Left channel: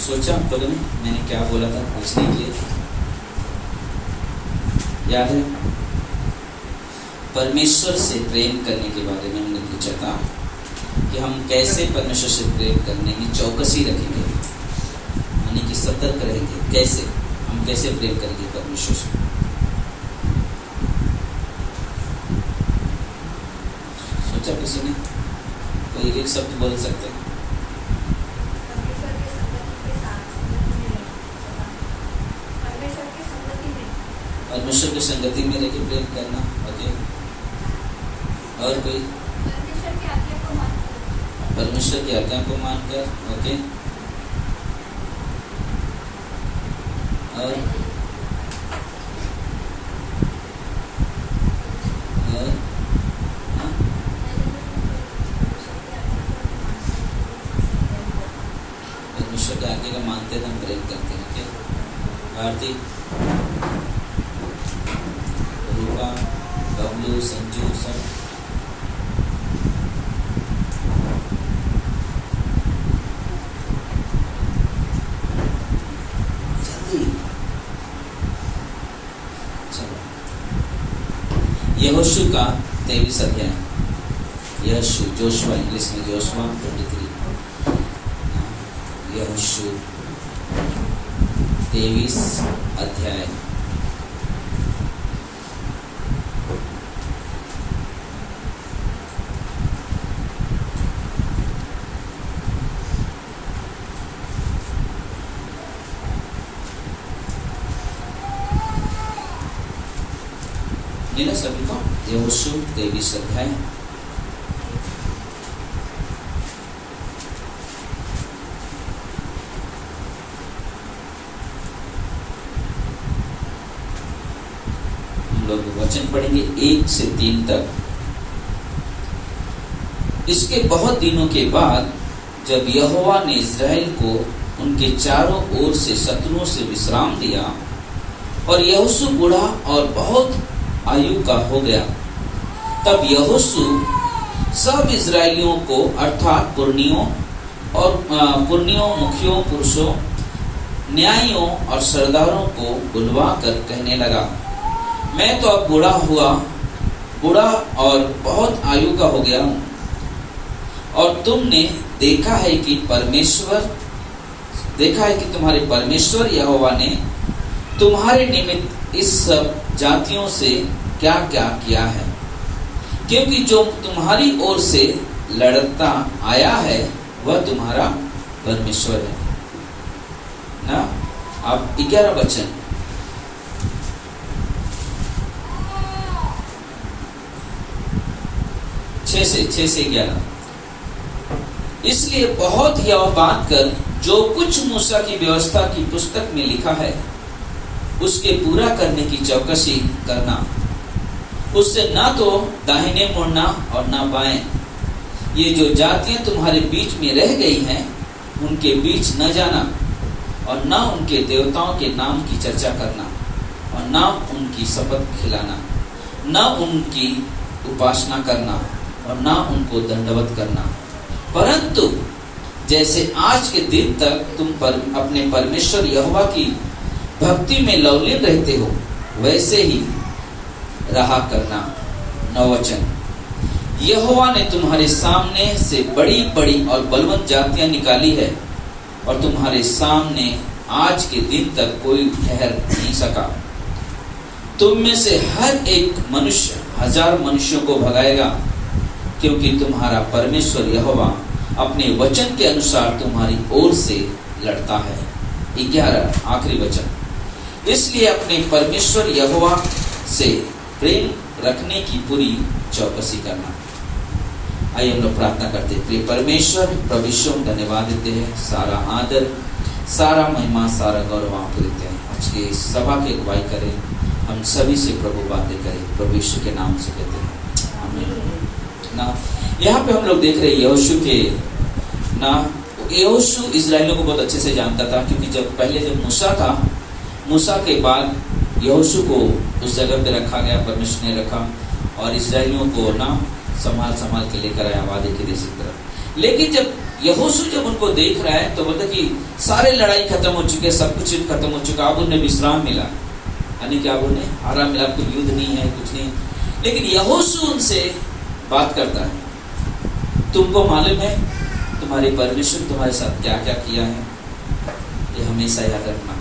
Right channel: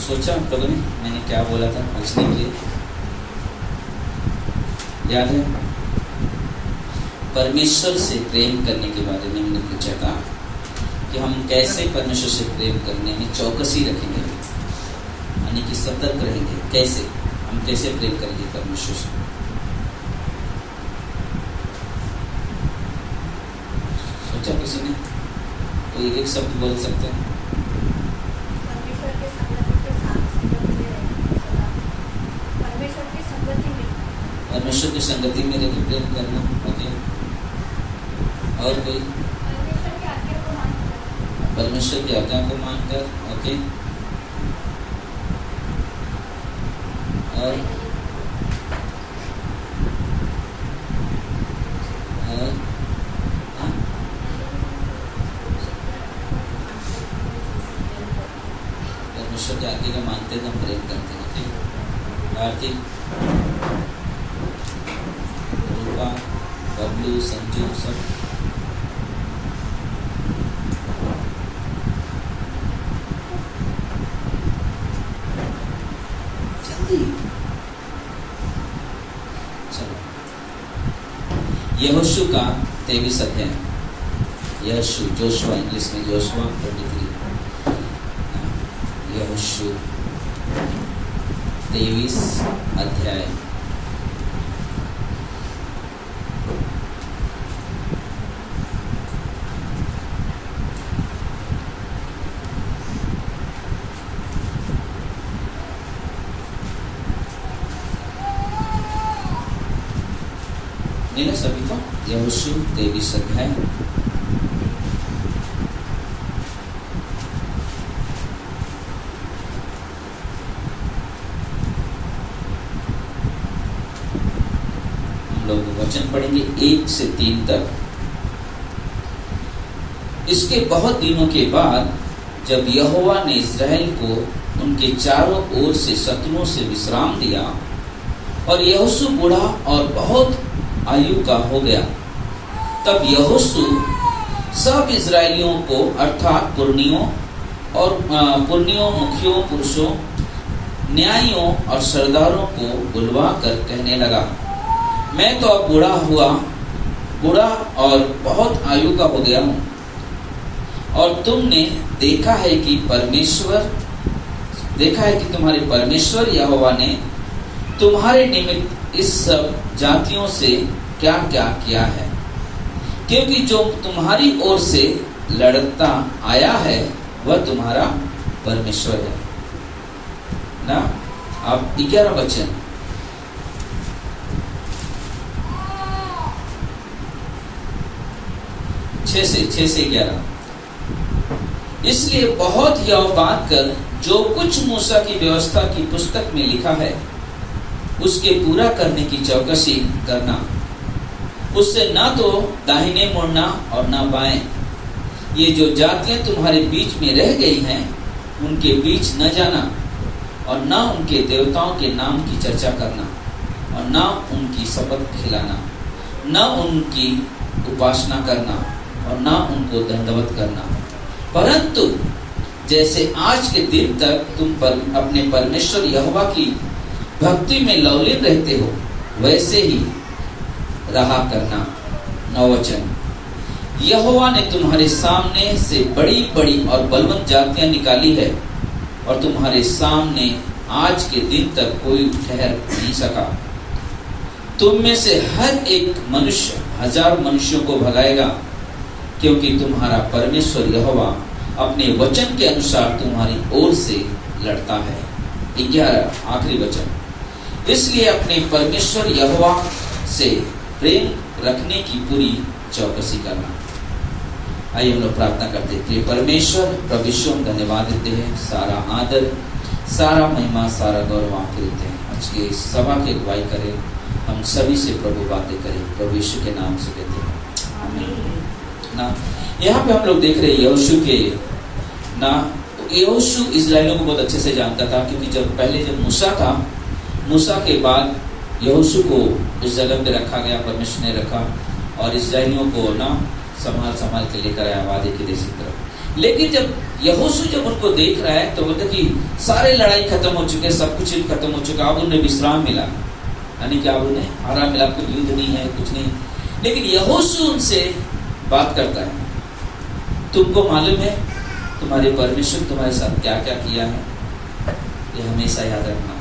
सोचा आप लोगों ने मैंने क्या बोला था पूछने के लिए? याद है? परमेश्वर से प्रेम करने के बारे में हमने पूछा था कि हम कैसे परमेश्वर से प्रेम करने में चौकसी रखेंगे, यानी कि सतर्क रहेंगे। कैसे हम कैसे प्रेम करेंगे परमेश्वर से? सोचा किसी ने? कोई एक शब्द बोल सकते हैं? परमेश्वर की संगति में रह के प्रेम करना। ओके, और कोई? परमेश्वर की आज्ञा को मानकर। ओके, और परमेश्वर की आज्ञा को मानते हैं तो हम प्रेम करते हैं। ओके, आरती, बबलू, संजू, सब जल्दी। चलो, यहोशू का 23 अध्याय। यहोशू, जोशुआ, इंग्लिश में जोशुआ 23। यहोशू 23 अध्याय। मिला सभी को? यहोशू 23 अध्याय। हम लोग वचन पढ़ेंगे 1 से 3 तक। इसके बहुत दिनों के बाद जब यहोवा ने इस्राएल को उनके चारों ओर से शत्रुओं से विश्राम दिया और यहोशू बूढ़ा और बहुत आयु का हो गया, तब यहोशू सब इजरायलियों को अर्थात पुरनियों, मुखियों, पुरुषों, न्यायियों और सरदारों को बुलवा कर कहने लगा, मैं तो अब बूढ़ा और बहुत आयु का हो गया हूँ, और तुमने देखा है कि तुम्हारे परमेश्वर यहोवा ने तुम्हारे निमित्त इस सब जातियों से क्या क्या किया है, क्योंकि जो तुम्हारी ओर से लड़ता आया है वह तुम्हारा परमेश्वर है ना। अब 11 वचन। छह से 11। इसलिए बहुत यह बात कर जो कुछ मूसा की व्यवस्था की पुस्तक में लिखा है उसके पूरा करने की चौकसी करना, उससे न तो दाहिने मुड़ना और न बाएं। ये जो जातियां तुम्हारे बीच में रह गई हैं उनके बीच न जाना, और न उनके देवताओं के नाम की चर्चा करना, और न उनकी शपथ खिलाना, न उनकी उपासना करना, और न उनको दंडवत करना। परंतु जैसे आज के दिन तक तुम अपने परमेश्वर यहोवा की भक्ति में लवलीन रहते हो वैसे ही रहा करना। 9 वचन। यहोवा ने तुम्हारे सामने से बड़ी बड़ी और बलवंत जातियां निकाली है, और तुम्हारे सामने आज के दिन तक कोई ठहर नहीं सका। तुम में से हर एक मनुष्य 1000 मनुष्यों को भगाएगा, क्योंकि तुम्हारा परमेश्वर यहोवा अपने वचन के अनुसार तुम्हारी ओर से लड़ता है। 11 आखिरी वचन। इसलिए अपने परमेश्वर यहोवा से प्रेम रखने की पूरी चौकसी करना। आइए हम लोग प्रार्थना करते हैं। प्रिय परमेश्वर, प्रभु यीशु हम धन्यवाद देते हैं। सारा आदर, सारा महिमा, सारा गौरव आपको देते हैं। आज के सभा की अगुवाई करें, हम सभी से प्रभु बातें करें, प्रभु यीशु के नाम से कहते हैं आमीन। ना यहाँ पे हम लोग देख रहे हैं यहोशू के ना, यहोशू इस्राएलियों को बहुत अच्छे से जानता था, क्योंकि जब मूसा था, मूसा के बाद यहोशू को उस जगह पे रखा गया, परमेश्वर ने रखा और इस्राएलियों को ना संभाल के लेकर आया वादे के देश की तरफ। लेकिन जब यहोशू जब उनको देख रहा है तो बोलता कि सारे लड़ाई खत्म हो चुके, सब कुछ खत्म हो चुका, अब उन्हें विश्राम मिला, यानी कि अब उन्हें आराम मिला, कोई युद्ध नहीं है, कुछ नहीं। लेकिन यहोशू उनसे बात करता है, तुमको मालूम है तुम्हारे परमेश्वर तुम्हारे साथ क्या क्या किया है, ये हमेशा याद रखना।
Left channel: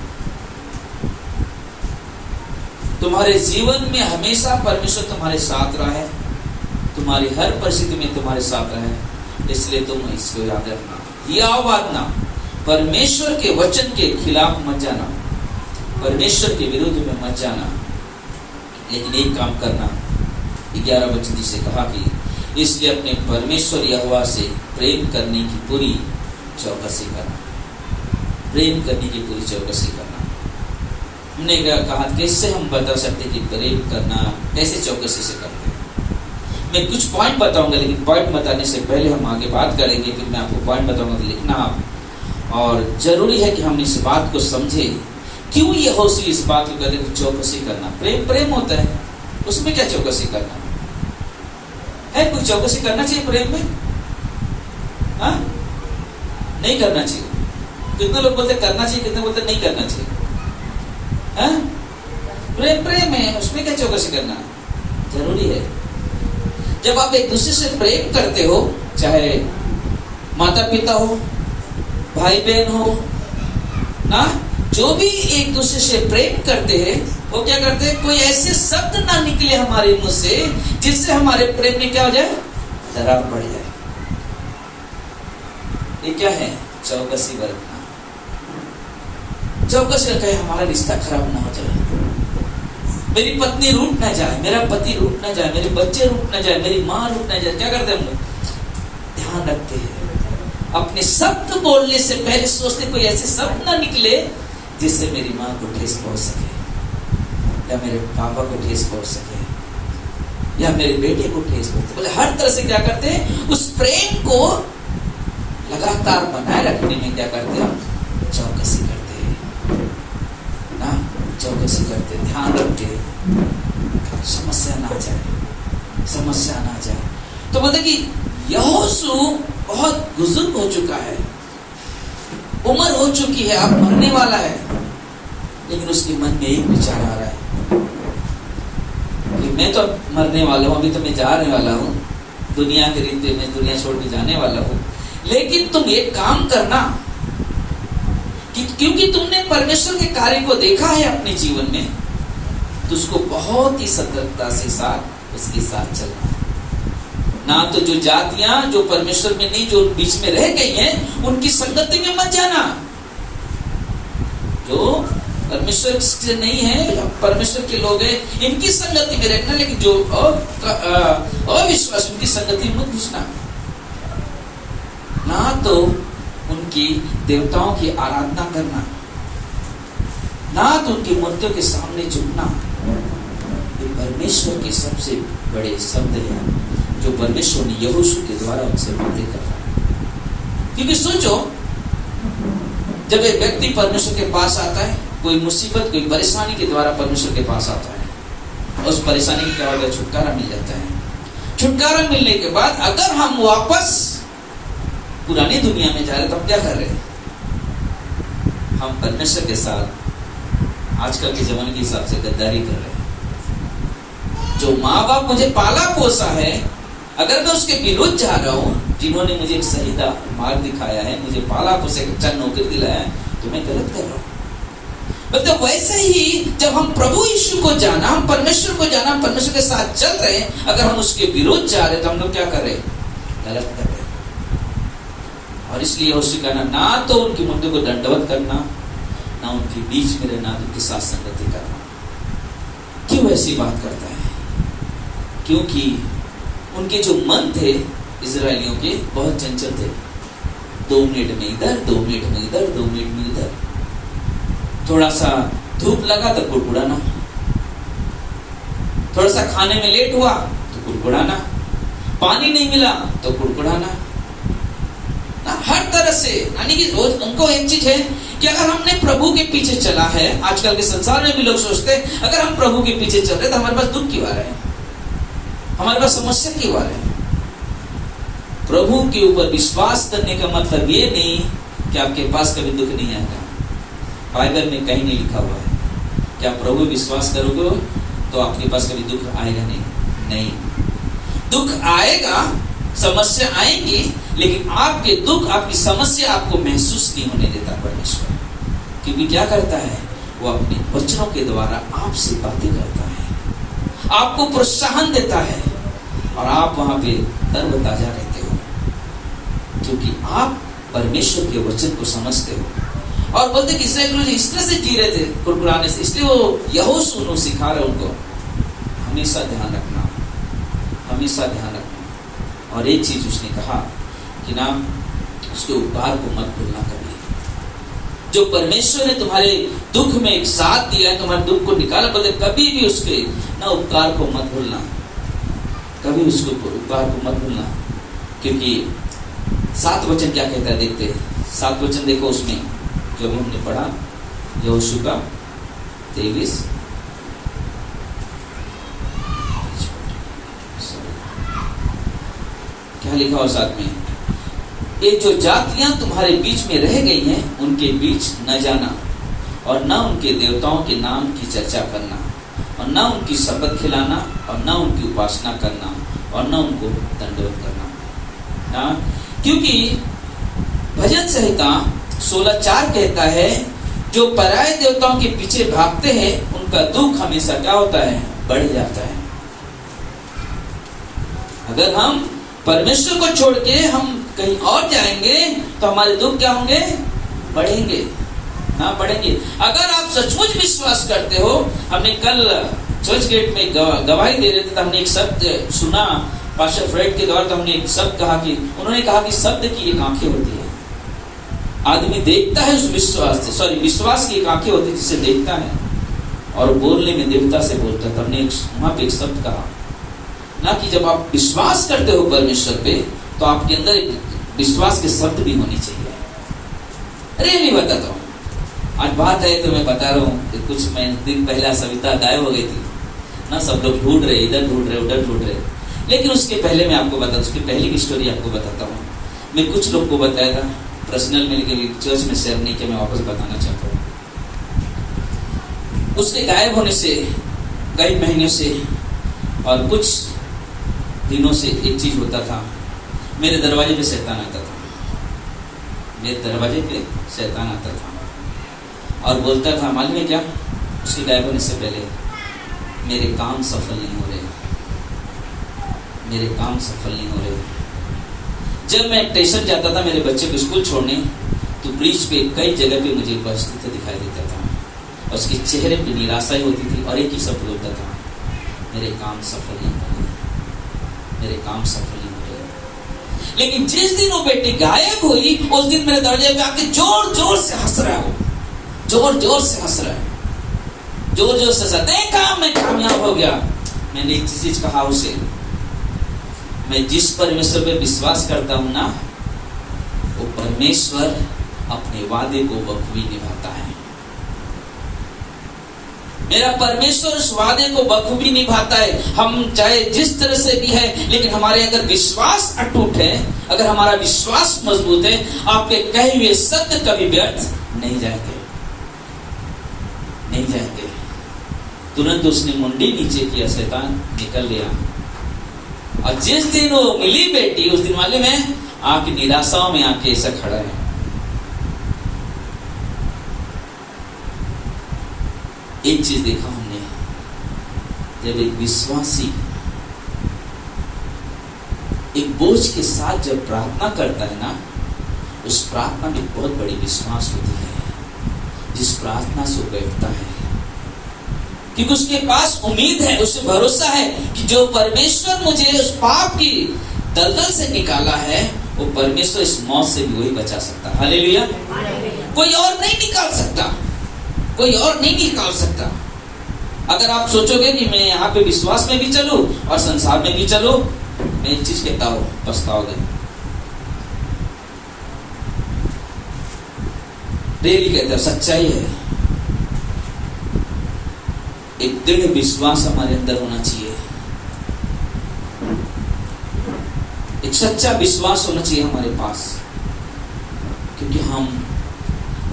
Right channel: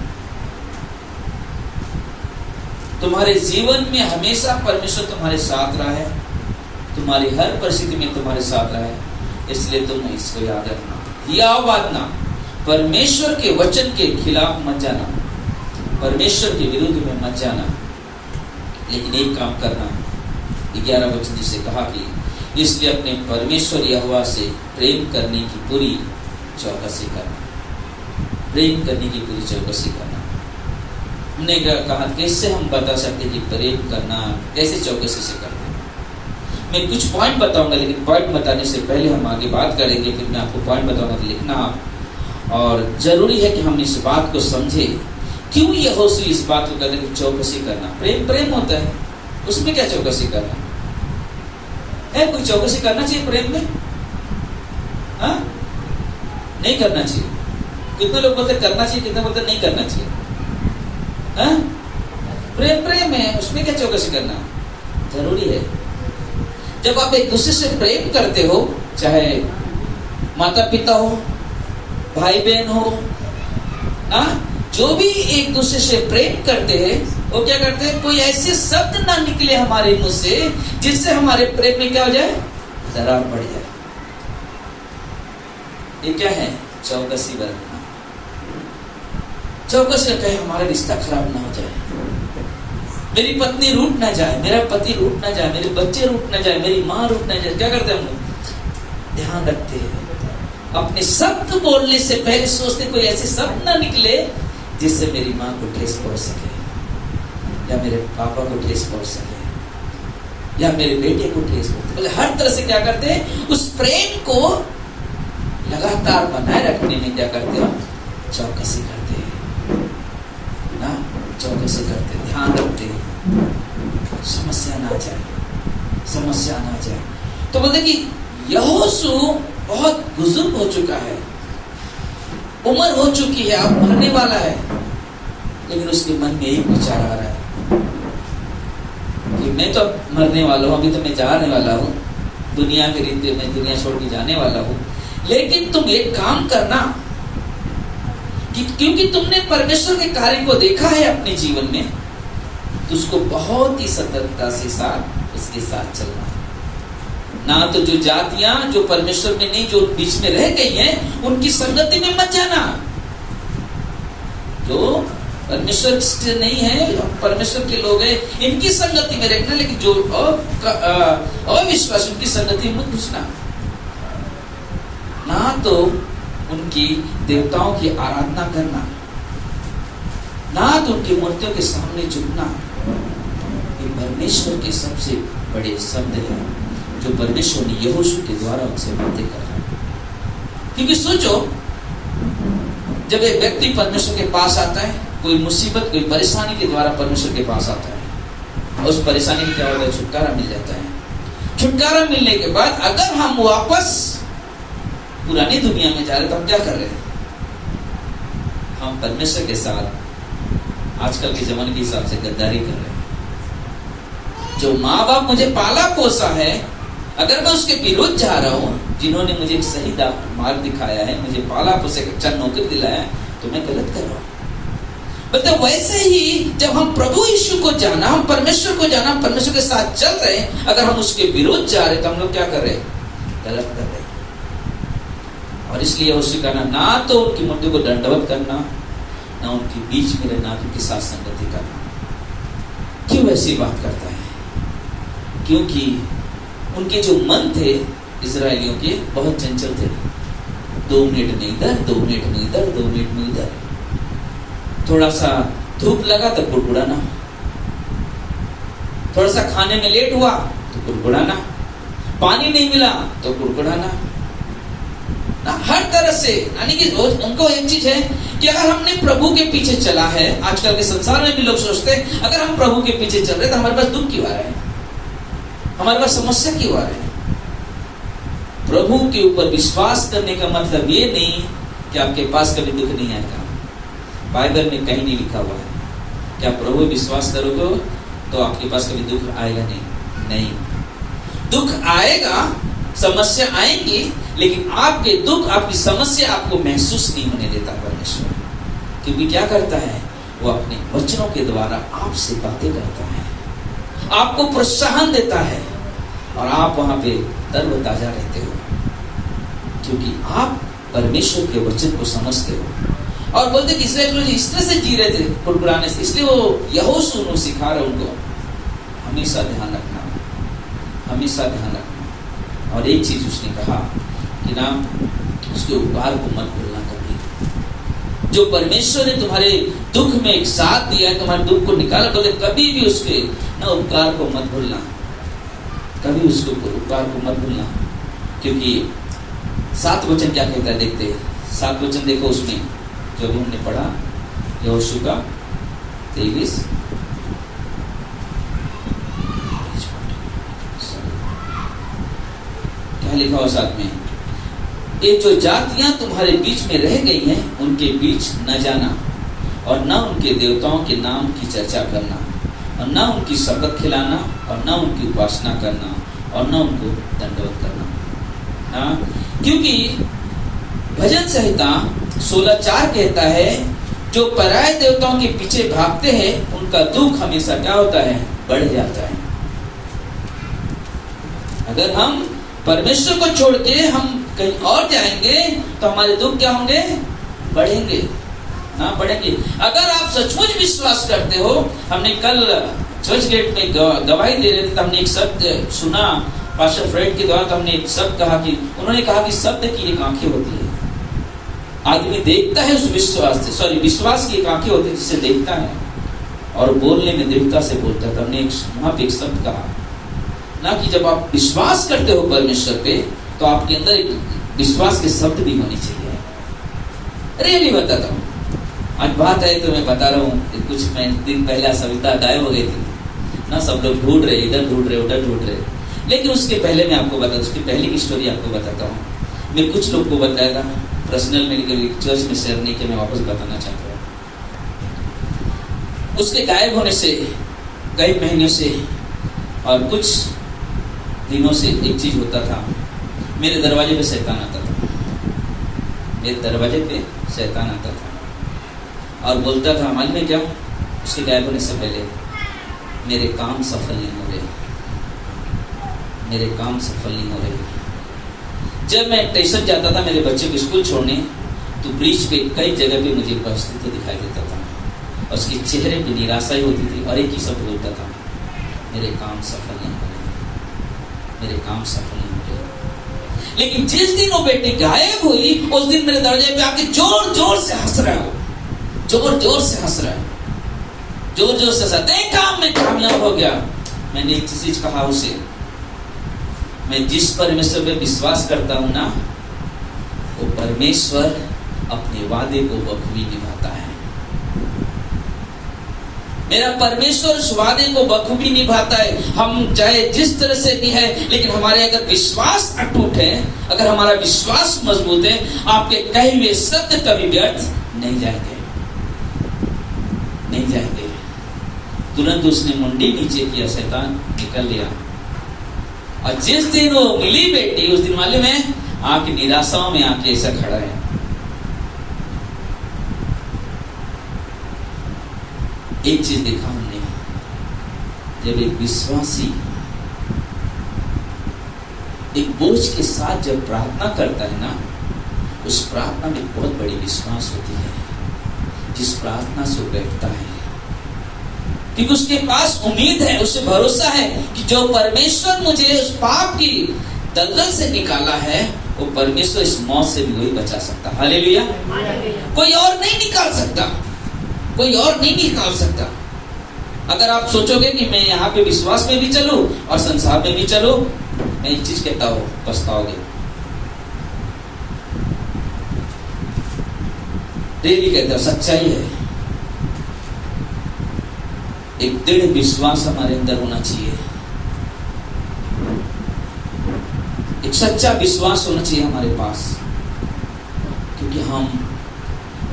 तुम्हारे जीवन में हमेशा परमेश्वर तुम्हारे साथ रहा है, तुम्हारी हर परिस्थिति में तुम्हारे साथ रहा है, इसलिए तुम इसको याद रखना। यह आवाज़ परमेश्वर के वचन के खिलाफ मत जाना, परमेश्वर के विरुद्ध में मत जाना, लेकिन एक काम करना। 11 वचन से कहा कि इसलिए अपने परमेश्वर यहोवा से प्रेम करने की पूरी चौकसी करना, प्रेम करने की पूरी चौकसी करना। हमने कहा कैसे हम बता सकते कि प्रेम करना कैसे चौकसी से करना। मैं कुछ पॉइंट बताऊंगा, लेकिन पॉइंट बताने से पहले हम आगे बात करेंगे, फिर मैं आपको पॉइंट बताऊंगा तो लिखना आप। और जरूरी है कि हम इस बात को समझे, क्यों यहोशू इस बात को कहते हैं चौकसी करना। प्रेम प्रेम होता है, उसमें क्या चौकसी करना है? कोई चौकसी करना चाहिए प्रेम में? हाँ, नहीं करना चाहिए। कितने लोग बोलते करना चाहिए, कितने बोलते नहीं करना चाहिए? हाँ? प्रेम प्रेम है, उसमें क्या चौकसी करना जरूरी है। जब आप एक दूसरे से प्रेम करते हो, चाहे माता पिता हो, भाई बहन हो ना, जो भी एक दूसरे से प्रेम करते हैं, वो क्या करते हैं, कोई ऐसे शब्द ना निकले हमारे मुंह से जिससे हमारे प्रेम में क्या हो जाए, दरार पड़ जाए। ये क्या है? चौकसी बरतना। चौकसी कहे हमारा रिश्ता खराब ना हो जाए, मेरी पत्नी रूठ ना जाए, मेरा पति रूठ ना जाए, मेरे बच्चे रूठ ना जाए, मेरी माँ रूठ ना जाए। क्या करते हैं हम लोग? ध्यान रखते हैं, अपने शब्द बोलने से पहले सोचते कोई ऐसे शब्द ना निकले जिससे मेरी माँ को ठेस पहुंच सके, या मेरे पापा को ठेस पहुंच सके, या मेरे बेटे को ठेस पहुंच सके। हर तरह से क्या करते हैं, उस प्रेम को लगातार बनाए रखने में क्या करते हैं, चौकसी करते हैं ना, चौकसी करते, ध्यान रखते, समस्या ना जाए, समस्या ना जाए। तो बोलते कि यहोशू बहुत बुजुर्ग हो चुका है, उम्र हो चुकी है, अब मरने वाला है, लेकिन उसके मन में एक विचार आ रहा है कि मैं तो मरने वाला हूं, अभी तो मैं जाने वाला हूं, दुनिया के रीति में दुनिया छोड़ के जाने वाला हूं, लेकिन तुम एक काम करना कि क्योंकि तुमने परमेश्वर के कार्य को देखा है अपने जीवन में, तो उसको बहुत ही सतर्कता से साथ उसके साथ चलना। ना तो जो जातियां जो परमेश्वर में नहीं, जो बीच में रह गई हैं, उनकी संगति में मत जाना। जो परमेश्वर से नहीं है, परमेश्वर के लोग हैं, इनकी संगति में रहना, लेकिन जो अविश्वास उनकी संगति में मत घुसना। ना तो उनकी देवताओं की आराधना करना, ना तो उनकी मूर्तियों के सामने झुकना। ये परमेश्वर के सबसे बड़े शब्द हैं जो परमेश्वर ने यहोशू के द्वारा उनसे बातें कर। क्योंकि सोचो, जब एक व्यक्ति परमेश्वर के पास आता है, कोई मुसीबत कोई परेशानी के द्वारा परमेश्वर के पास आता है, और उस परेशानी के क्या होता है, छुटकारा मिल जाता है। छुटकारा मिलने के बाद अगर हम वापस पुरानी दुनिया में जा रहे, तो हम क्या कर रहे हैं, हम परमेश्वर के साथ आजकल के जमाने के हिसाब से गद्दारी कर रहे हैं। जो माँ बाप मुझे पाला पोसा है, अगर मैं उसके विरुद्ध जा रहा हूं, जिन्होंने मुझे एक सही मार्ग दिखाया है, मुझे पाला पोसा अच्छा नौकरी दिलाया है, तो मैं गलत कर रहा हूं। तो वैसे ही जब हम प्रभु यीशु को जाना, हम परमेश्वर को जाना, हम परमेश्वर के साथ चल रहे हैं, अगर हम उसके विरुद्ध जा रहे, तो हम लोग क्या कर रहे हैं, गलत कर रहे हैं। और इसलिए उससे कहना, ना तो उनकी मूर्ति को दंडवत करना, ना उनके बीच में रहना, उनके साथ संगति करना। क्यों ऐसी बात करता है? क्योंकि उनके जो मन थे इजरायलियों के, बहुत चंचल थे। 2 मिनट में इधर, 2 मिनट में इधर, 2 मिनट में इधर। थोड़ा सा धूप लगा तो कुड़कुड़ाना, थोड़ा सा खाने में लेट हुआ तो कुड़कुड़ाना, पानी नहीं मिला तो कुड़कुड़ाना, हर तरह से। यानी कि उनको एक चीज है कि अगर हमने प्रभु के पीछे चला है, आजकल के संसार में भी लोग सोचते हैं अगर हम प्रभु के पीछे चल रहे तो हमारे पास दुख क्यों आ रहा है, हमारे पास समस्या क्यों आ रही है? प्रभु के ऊपर विश्वास करने का मतलब ये नहीं कि आपके पास कभी दुख नहीं आएगा। बाइबल में कहीं नहीं लिखा हुआ है कि आप प्रभु विश्वास करोगे तो आपके पास कभी दुख आएगा नहीं। दुख आएगा, समस्या आएंगी, लेकिन आपके दुख, आपकी समस्या आपको महसूस नहीं होने देता परमेश्वर। क्योंकि क्या करता है, वो अपने वचनों के द्वारा आपसे बातें करता है, आपको प्रोत्साहन देता है और आप वहां पे तरोताजा रहते हो, क्योंकि आप परमेश्वर के वचन को समझते हो। और बोलते कि इस्राएल लोग इस तरह से जी रहे थे कुरकुराने से, इसलिए वो यहोशू सिखा रहे उनको हमेशा ध्यान रखना, हमेशा ध्यान रखना। और एक चीज उसने कहा कि ना, उसके उपकार को मत भूलना कभी। जो परमेश्वर ने तुम्हारे दुख में एक साथ दिया है, तुम्हारे दुख को निकाला, बोलते कभी भी उसके ना उपकार को मत भूलना, कभी उसके उपकार को मत भूलना। क्योंकि 7 वचन क्या कहता है, देखते हैं 7 वचन देखो उसमें जो भी हमने पढ़ा, यहोशू का 23 क्या लिखा हो साथ में, ये जो जातियां तुम्हारे बीच में रह गई हैं उनके बीच न जाना और न उनके देवताओं के नाम की चर्चा करना और न उनकी शपथ खिलाना और न उनकी उपासना करना और न उनको दंडवत करना ना। क्योंकि भजन संहिता 16:4 कहता है, जो पराये देवताओं के पीछे भागते हैं उनका दुख हमेशा क्या होता है, बढ़ जाता है। अगर हम परमेश्वर को छोड़ के हम कहीं और जाएंगे तो हमारे दुख क्या होंगे, बढ़ेंगे ना, बढ़ेंगे। अगर आप सचमुच विश्वास करते हो, हमने कल चर्च गेट में गवाही दे रहे थे तो हमने एक शब्द सुना पास्टर फ्रेड के द्वारा, तो हमने एक शब्द कहा कि उन्होंने कहा कि शब्द की एक आंखें होती है, आदमी देखता है उस विश्वास की एक आंखें होती है जिससे देखता है और बोलने में देवता से बोलता है। तो हमने वहां पे एक शब्द कहा ना कि जब आप विश्वास करते हो परमेश्वर पे तो आपके अंदर विश्वास के शब्द भी होने चाहिए। रियली बताता हूँ, आज बात है तो मैं बता रहा हूँ, कुछ दिन पहले सविता गायब हो गई थी ना, सब लोग ढूंढ रहे, इधर ढूंढ रहे, उधर ढूंढ रहे। लेकिन उसके पहले मैं आपको बता, उसकी पहले की स्टोरी आपको बताता हूँ। मैं कुछ लोग को बताया था पर्सनल, मेरे चर्च में शेयर नहीं किया, मैं वापस बताना चाहता हूँ। उसके गायब होने से कई महीने से और कुछ दिनों से एक चीज होता था, मेरे दरवाजे पे शैतान आता था, मेरे दरवाजे पे शैतान आता था और बोलता था, मालूम है क्या, उसके गायब होने से पहले मेरे काम सफल नहीं हो रहे, मेरे काम सफल नहीं हो रहे। जब मैं स्टेशन जाता था मेरे बच्चे को स्कूल छोड़ने, तो ब्रिज पे कई जगह पे मुझे उपस्थित दिखाई देता था और उसके चेहरे पे निराशा ही होती थी और एक ही शब्द बोलता था, मेरे काम सफल नहीं हो रहे, मेरे काम सफल नहीं हो रहे। लेकिन जिस दिन वो बेटी गायब हुई, उस दिन मेरे दरवाजे पे आके जोर जोर से हंस रहा है, जोर जोर से हंस रहा है, जोर जोर से हंसा, देखा मैं कामयाब हो गया। मैंने एक चीज कहा उसे, मैं जिस परमेश्वर पे विश्वास करता हूं ना, वो परमेश्वर अपने वादे को बखूबी निभाता है। मेरा परमेश्वर उस वादे को बखूबी निभाता है। हम चाहे जिस तरह से भी है, लेकिन हमारे अगर विश्वास अटूट है, अगर हमारा विश्वास मजबूत है, आपके कहे हुए सत्य कभी व्यर्थ नहीं जाएंगे, नहीं जाएंगे। तुरंत उसने मुंडी नीचे किया, शैतान निकल गया। और जिस दिन वो मिली बेटी, उस दिन वाले में आके निराशाओं में आके ऐसा खड़ा है। एक चीज देखा हमने, जब एक विश्वासी एक बोझ के साथ जब प्रार्थना करता है ना, उस प्रार्थना में बहुत बड़ी विश्वास होती है, जिस प्रार्थना से वो बैठता है, क्योंकि उसके पास उम्मीद है, उसे भरोसा है कि जो परमेश्वर मुझे उस पाप की दलदल से निकाला है, वो परमेश्वर इस मौत से भी वही बचा सकता है। हालेलुया। कोई और नहीं निकाल सकता, कोई और नहीं निकाल सकता। अगर आप सोचोगे कि मैं यहाँ पे विश्वास में भी चलूं और संसार में भी चलूं, मैं एक चीज कहता हूं, पछताओगे। डेली कहता हूं, सच्चाई है। एक दृढ़ विश्वास हमारे अंदर होना चाहिए। एक सच्चा विश्वास होना चाहिए हमारे पास, क्योंकि हम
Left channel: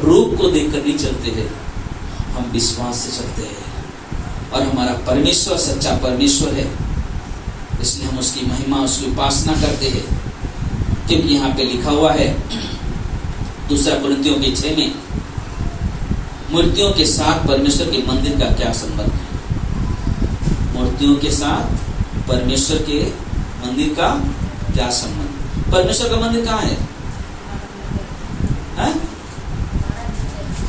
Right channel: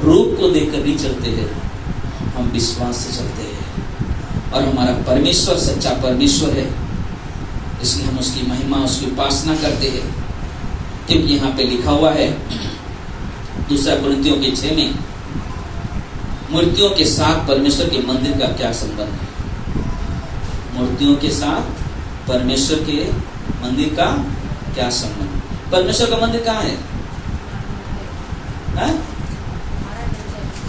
रूप को देखकर नहीं चलते हैं, हम विश्वास से चलते हैं। और हमारा परमेश्वर सच्चा परमेश्वर है, इसलिए हम उसकी महिमा, उसकी उपासना करते हैं। क्योंकि यहाँ पे लिखा हुआ है 2 कोरिन्थियों के 6 में, मूर्तियों के साथ परमेश्वर के मंदिर का क्या संबंध है? मूर्तियों के साथ परमेश्वर के मंदिर का क्या संबंध? परमेश्वर का मंदिर कहाँ है?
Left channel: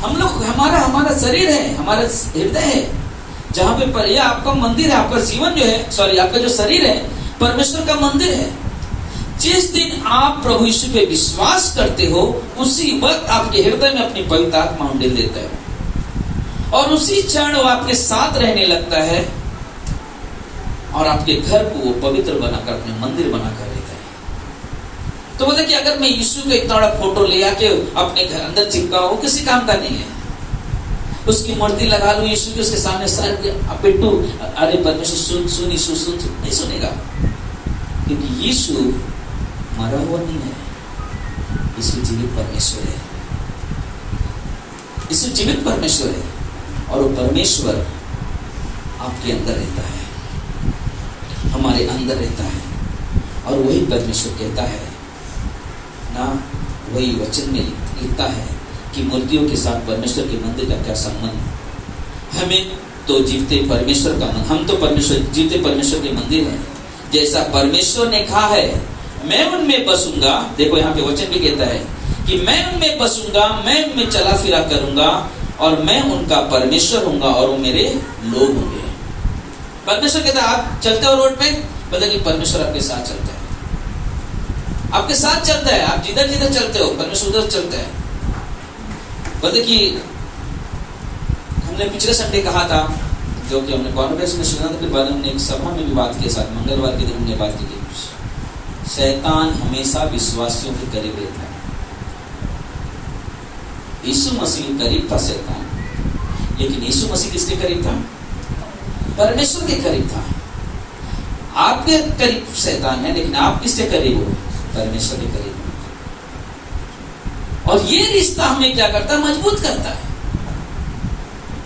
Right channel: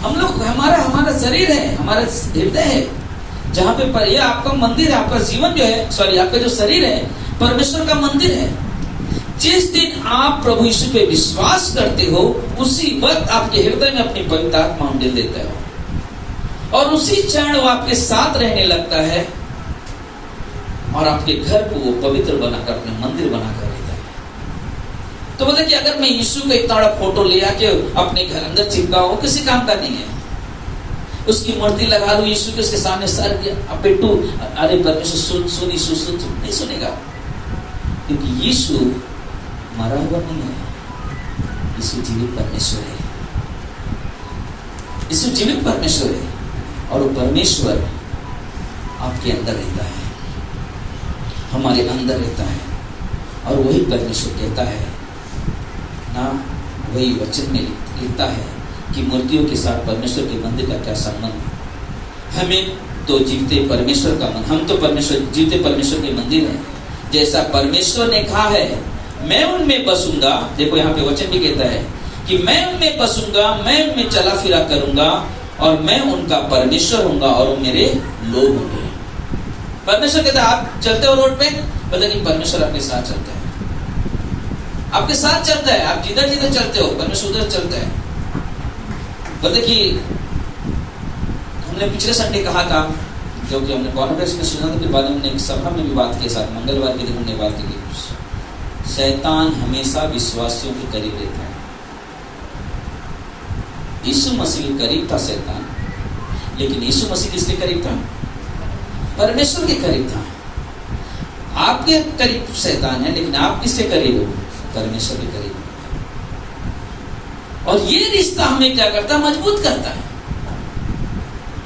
हम लोग, हमारा शरीर है, हमारा हृदय है, जहां पे यह आपका मंदिर है। आपका जीवन जो है, सॉरी, आपका जो शरीर है परमेश्वर का मंदिर है। जिस दिन आप प्रभु यीशु पे विश्वास करते हो, उसी वक्त आपके हृदय में अपनी पवित्र आत्मा उंडेल देता है, और उसी क्षण वो आपके साथ रहने लगता है, और आपके घर को वो पवित्र बनाकर अपना मंदिर बनाकर लेता है। तो मतलब कि अगर मैं यीशु का इतना बड़ा फोटो ले आके अपने घर अंदर चिपकाऊं, किसी काम का नहीं है। उसकी मूर्ति लगा दूं यीशु के, उसके सामने सर पेटू, अरे परमेश्वर सुन यीशु सुन, नहीं सुनेगा, क्योंकि यीशु मरा हुआ नहीं है, यीशु जीवित परमेश्वर है। यीशु जीवित परमेश्वर है, और वो परमेश्वर आपके अंदर रहता है, हमारे अंदर रहता है। और वही परमेश्वर कहता है ना, वही वचन में लिखता है कि मूर्तियों के साथ परमेश्वर के मंदिर का क्या संबंध? हमें तो जीवते परमेश्वर का मंदिर, हम तो परमेश्वर, जीवते परमेश्वर के मंदिर है। जैसा परमेश्वर ने कहा है, मैं उनमें बसूंगा। देखो यहाँ पे वचन भी कहता है कि मैं उनमें बसूंगा, मैं उनमें चला फिरा करूंगा, और मैं उनका परमेश्वर होऊंगा, और वो मेरे लोग होंगे। परमेश्वर कहता है, आप चलते हो रोड पे, बोले कि परमेश्वर आपके साथ चलता है, आपके साथ चलता है। आप जिधर जिधर चलते हो, परमेश्वर उधर चलता है। बोले कि हमने पिछले संडे कहा था, जो कि हमने कॉन्फ्रेंस में सुना था, कि बाद में एक सभा में भी बात के साथ, मंगलवार के दिन हमने बात की, शैतान हमेशा विश्वासियों के करीब रहता है। यीशु मसीह के करीब था शैतान, लेकिन यीशु मसीह किसके करीब था? परमेश्वर के करीब था। आपके करीब शैतान है, लेकिन आप किसके करीब हो? परमेश्वर के करीब। और ये रिश्ता हमें क्या करता है? मजबूत करता है।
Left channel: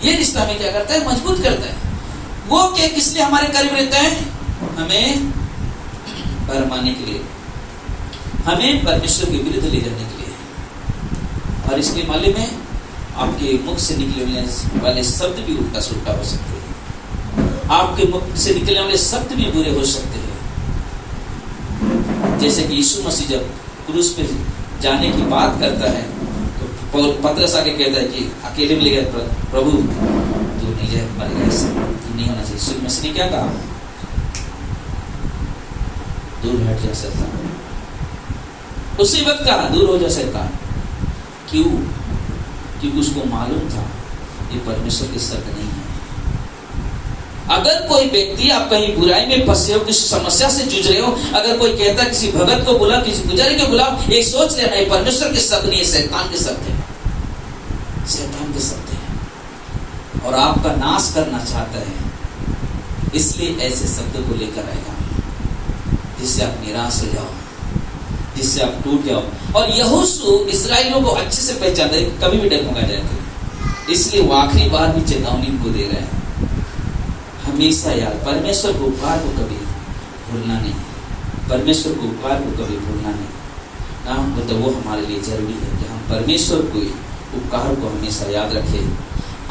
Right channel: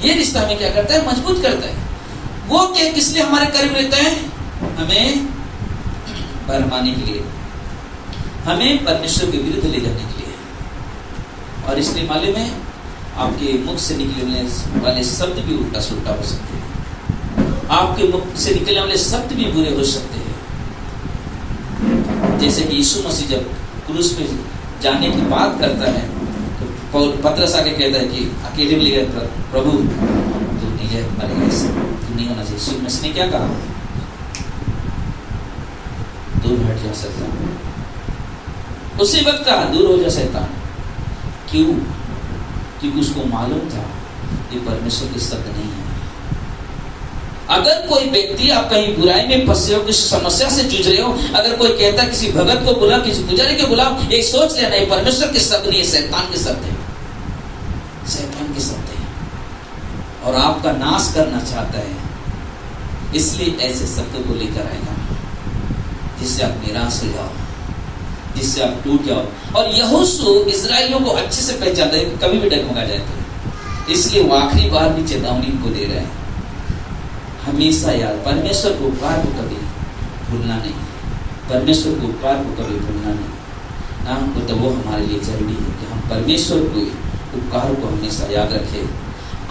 ये रिश्ता हमें क्या करता है? मजबूत करता है। वो क्या, किस लिए हमारे करीब रहता है? हमें भरमाने के लिए, हमें परमेश्वर के विरुद्ध ले जाने के लिए। और इसलिए मालूम है, आपके मुख से निकलने वाले शब्द भी उल्टा सुल्टा हो सकते हैं, आपके मुख से निकलने वाले शब्द भी बुरे हो सकते हैं। जैसे कि यीशु मसीह जब क्रूस पे जाने की बात करता है, तो पतरस आके कहता है कि अकेले में ले गया, प्रभु तू नहीं है, मरेगा, इससे तू नहीं होना चाहिए। यीशु मसीह ने क्या कहा? दूर हट जा शैतान। उसी वक्त कहा, दूर हो जा शैतान। क्यों? क्योंकि उसको मालूम था ये परमेश्वर की शब्द नहीं है। अगर कोई व्यक्ति, आप कहीं बुराई में फंसे हो, किसी समस्या से जूझ रहे हो, अगर कोई कहता है किसी भगत को बुला, किसी पुजारी को बुला, एक सोच लेना है परमेश्वर के शब्द नहीं है, शैतान के शब्द है, शैतान के शब्द है, और आपका नाश करना चाहता है। इसलिए ऐसे शब्द को लेकर आएगा जिससे आप निराश हो जाओ, जिससे आप टूट जाओ। और यहोशू इस्राएलियों को अच्छे से पहचानता है, कभी भी डगमगा जाएगा। इसलिए वो आखिरी बार भी चेतावनी को दे रहा है, हमेशा याद, परमेश्वर को उपकार को कभी भूलना नहीं, परमेश्वर को उपकार को कभी भूलना नहीं ना। तो वो हमारे लिए जरूरी है कि हम परमेश्वर को उपकार को हमेशा याद रखें।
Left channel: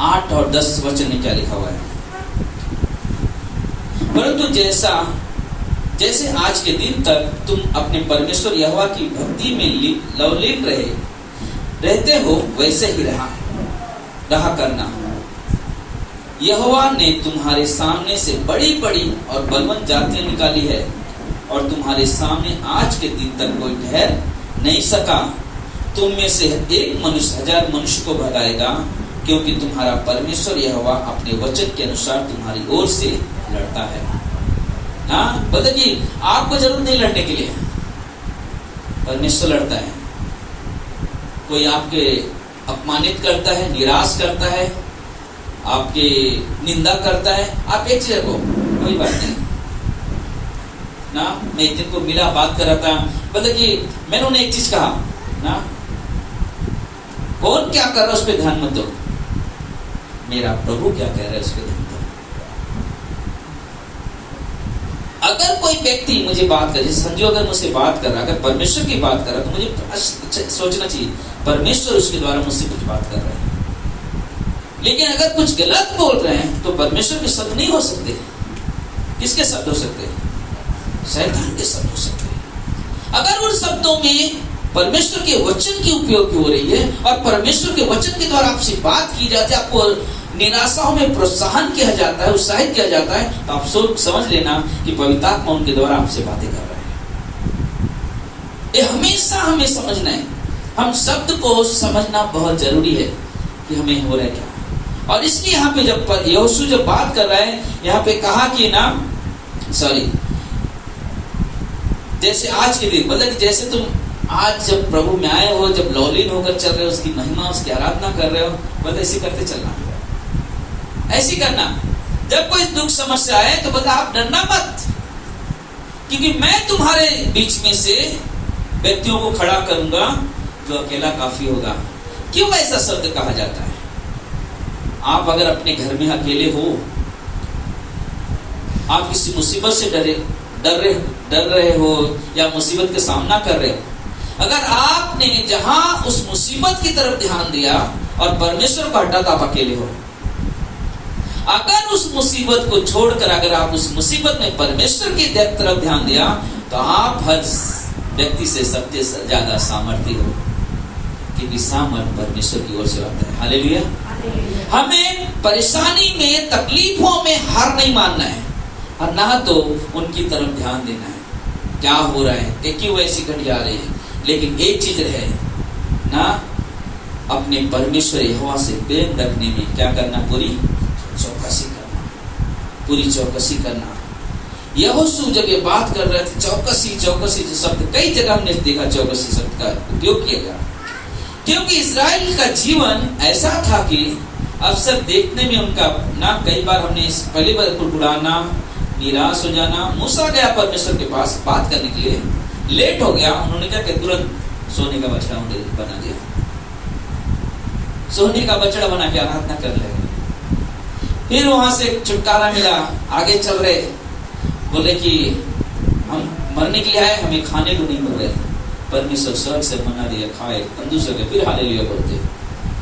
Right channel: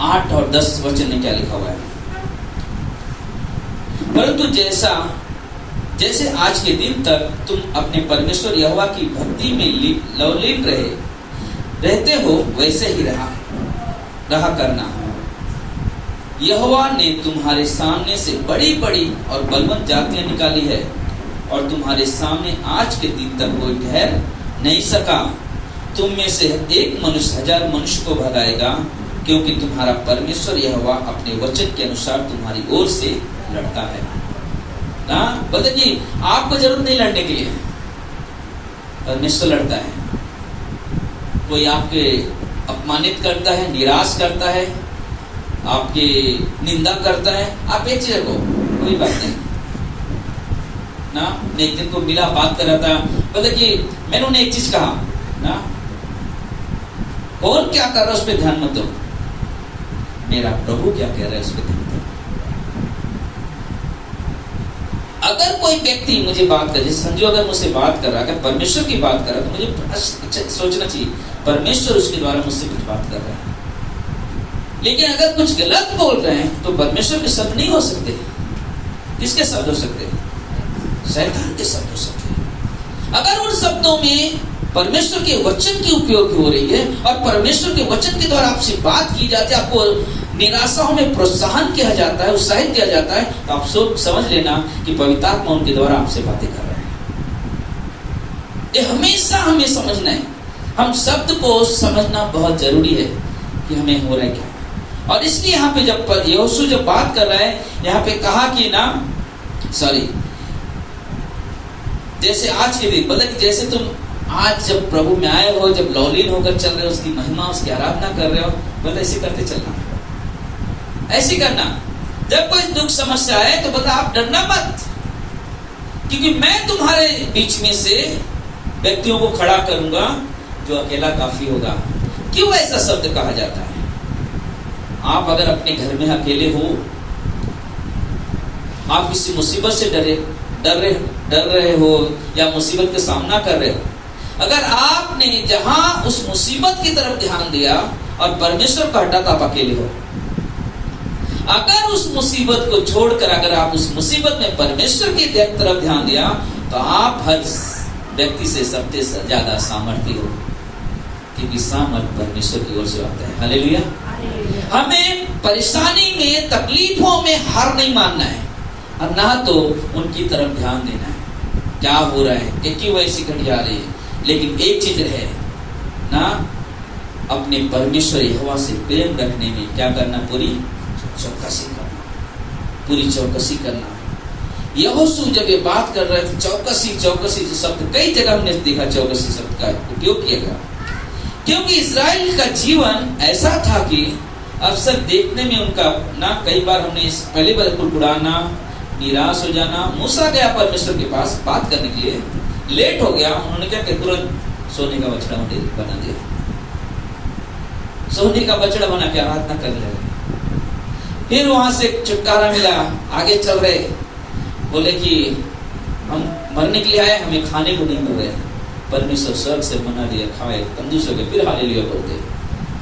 8 और 10 वचन में क्या लिखा हुआ है? परंतु जैसे आज के दिन तक तुम अपने परमेश्वर यहोवा की भक्ति में लवलीन रहते हो, वैसे ही रहा करना। यहोवा ने तुम्हारे सामने से बड़ी बड़ी और बलवंत जातियां निकाली है, और तुम्हारे सामने आज के दिन तक कोई ठहर नहीं सका। तुम में से एक मनुष्य 1000 मनुष्य को भगाएगा, क्योंकि तुम्हारा परमेश्वर यहोवा अपने वचन के अनुसार तुम्हारी ओर से लड़ता है ना। बताइए, आपको जरूरत नहीं लड़ने के लिए, परमेश्वर लड़ता है। कोई आपके अपमानित करता है, निराश करता है, आपकी निंदा करता है, आप एक चीज को, कोई बात नहीं, ना, मैं एक दिन को मिला, बात कर रहा था, मतलब कि मैंने उन्हें एक चीज कहा ना, कौन क्या कर रहा है उस पर ध्यान मत दो, मेरा प्रभु क्या कह रहा है उस पर ध्यान दो। अगर कोई व्यक्ति मुझे बात करे, संजू अगर मुझसे बात कर रहा, अगर परमेश्वर की बात कर रहा, तो मुझे सोचना चाहिए परमेश्वर उसके द्वारा मुझसे कुछ बात कर रहे हैं। लेकिन अगर कुछ गलत बोल रहे हैं तो परमेश्वर के शब्द नहीं हो सकते। किसके शब्द हो सकते हैं? शैतान के शब्द हो सकते हैं। अगर उन शब्दों में परमेश्वर के वचन की उपयोग हो रही है और परमेश्वर के वचन के द्वारा आपसे बात की जाती है, आपको निराशाओं में प्रोत्साहन किया जाता है, उत्साहित किया जाता है, तो आप समझ लेना कि पवित्र आत्मा उनके द्वारा आपसे बातें कर रहे हैं। ये हमेशा हमें समझना है, हम शब्द को समझना बहुत जरूरी है कि हमें हो रहा है क्या। और इसलिए यहाँ पे जब यहोशू जब बात कर रहा है, यहाँ पे कहा कि ना, जैसे आज के दिन, मतलब जैसे तुम आज जब प्रभु में आए हो, जब लौलीन होकर चल रहे हो, उसकी महिमा, उसकी आराधना कर रहे हो, मतलब ऐसे करते चलना, ऐसे करना। जब कोई दुख समस्या आए तो बता, आप डरना मत, क्योंकि मैं तुम्हारे बीच में से व्यक्तियों को खड़ा करूंगा जो अकेला काफी होगा। क्यों ऐसा शब्द कहा जाता है? आप अगर अपने घर में अकेले हो, आप किसी मुसीबत से डर रहे हो या मुसीबत का सामना कर रहे हो, अगर आपने जहां उस मुसीबत की तरफ ध्यान दिया और परमेश्वर को हटा, तो आप अकेले हो। अगर उस मुसीबत को छोड़कर अगर आप उस मुसीबत में परमेश्वर की तरफ ध्यान दिया, तो आप हर व्यक्ति से सबसे ज्यादा सामर्थ्य हो, क्योंकि सामर्थ परमेश्वर की ओर से आता है। हालेलुया। हमें परेशानी में, तकलीफों में हार नहीं मानना है, और ना तो उनकी तरफ ध्यान देना है क्या हो रहा है, कि क्यों ऐसी घड़ी आ रही है। लेकिन एक चीज है ना, अपने परमेश्वर यहोवा से प्रेम रखने में क्या करना? पूरी चौकसी करना, पूरी चौकसी करना। यहोशू जब ये बात कर रहे थे, चौकसी चौकसी जो शब्द कई जगह हमने देखा, चौकसी शब्द का उपयोग किया गया, क्योंकि इस्राएल का जीवन ऐसा था कि अक्सर देखने में उनका ना, कई बार हमने पहली बार कुड़कुड़ाना, निराश हो जाना। मूसा गया परमेश्वर के पास बात करने के लिए, लेट हो गया, उन्होंने क्या किया? तुरंत सोने का बछड़ा बना दिया, सोने का बछड़ा बना के आराधना करने लगे। फिर वहां से छुटकारा मिला, आगे चल रहे, बोले कि हम मरने के लिए आए, हमें खाने को नहीं मिल रहे। परमेश्वर स्वर्ग से मना दिया, खाए, तंदुरुस्त हो गए, फिर हालेलुया बोलते।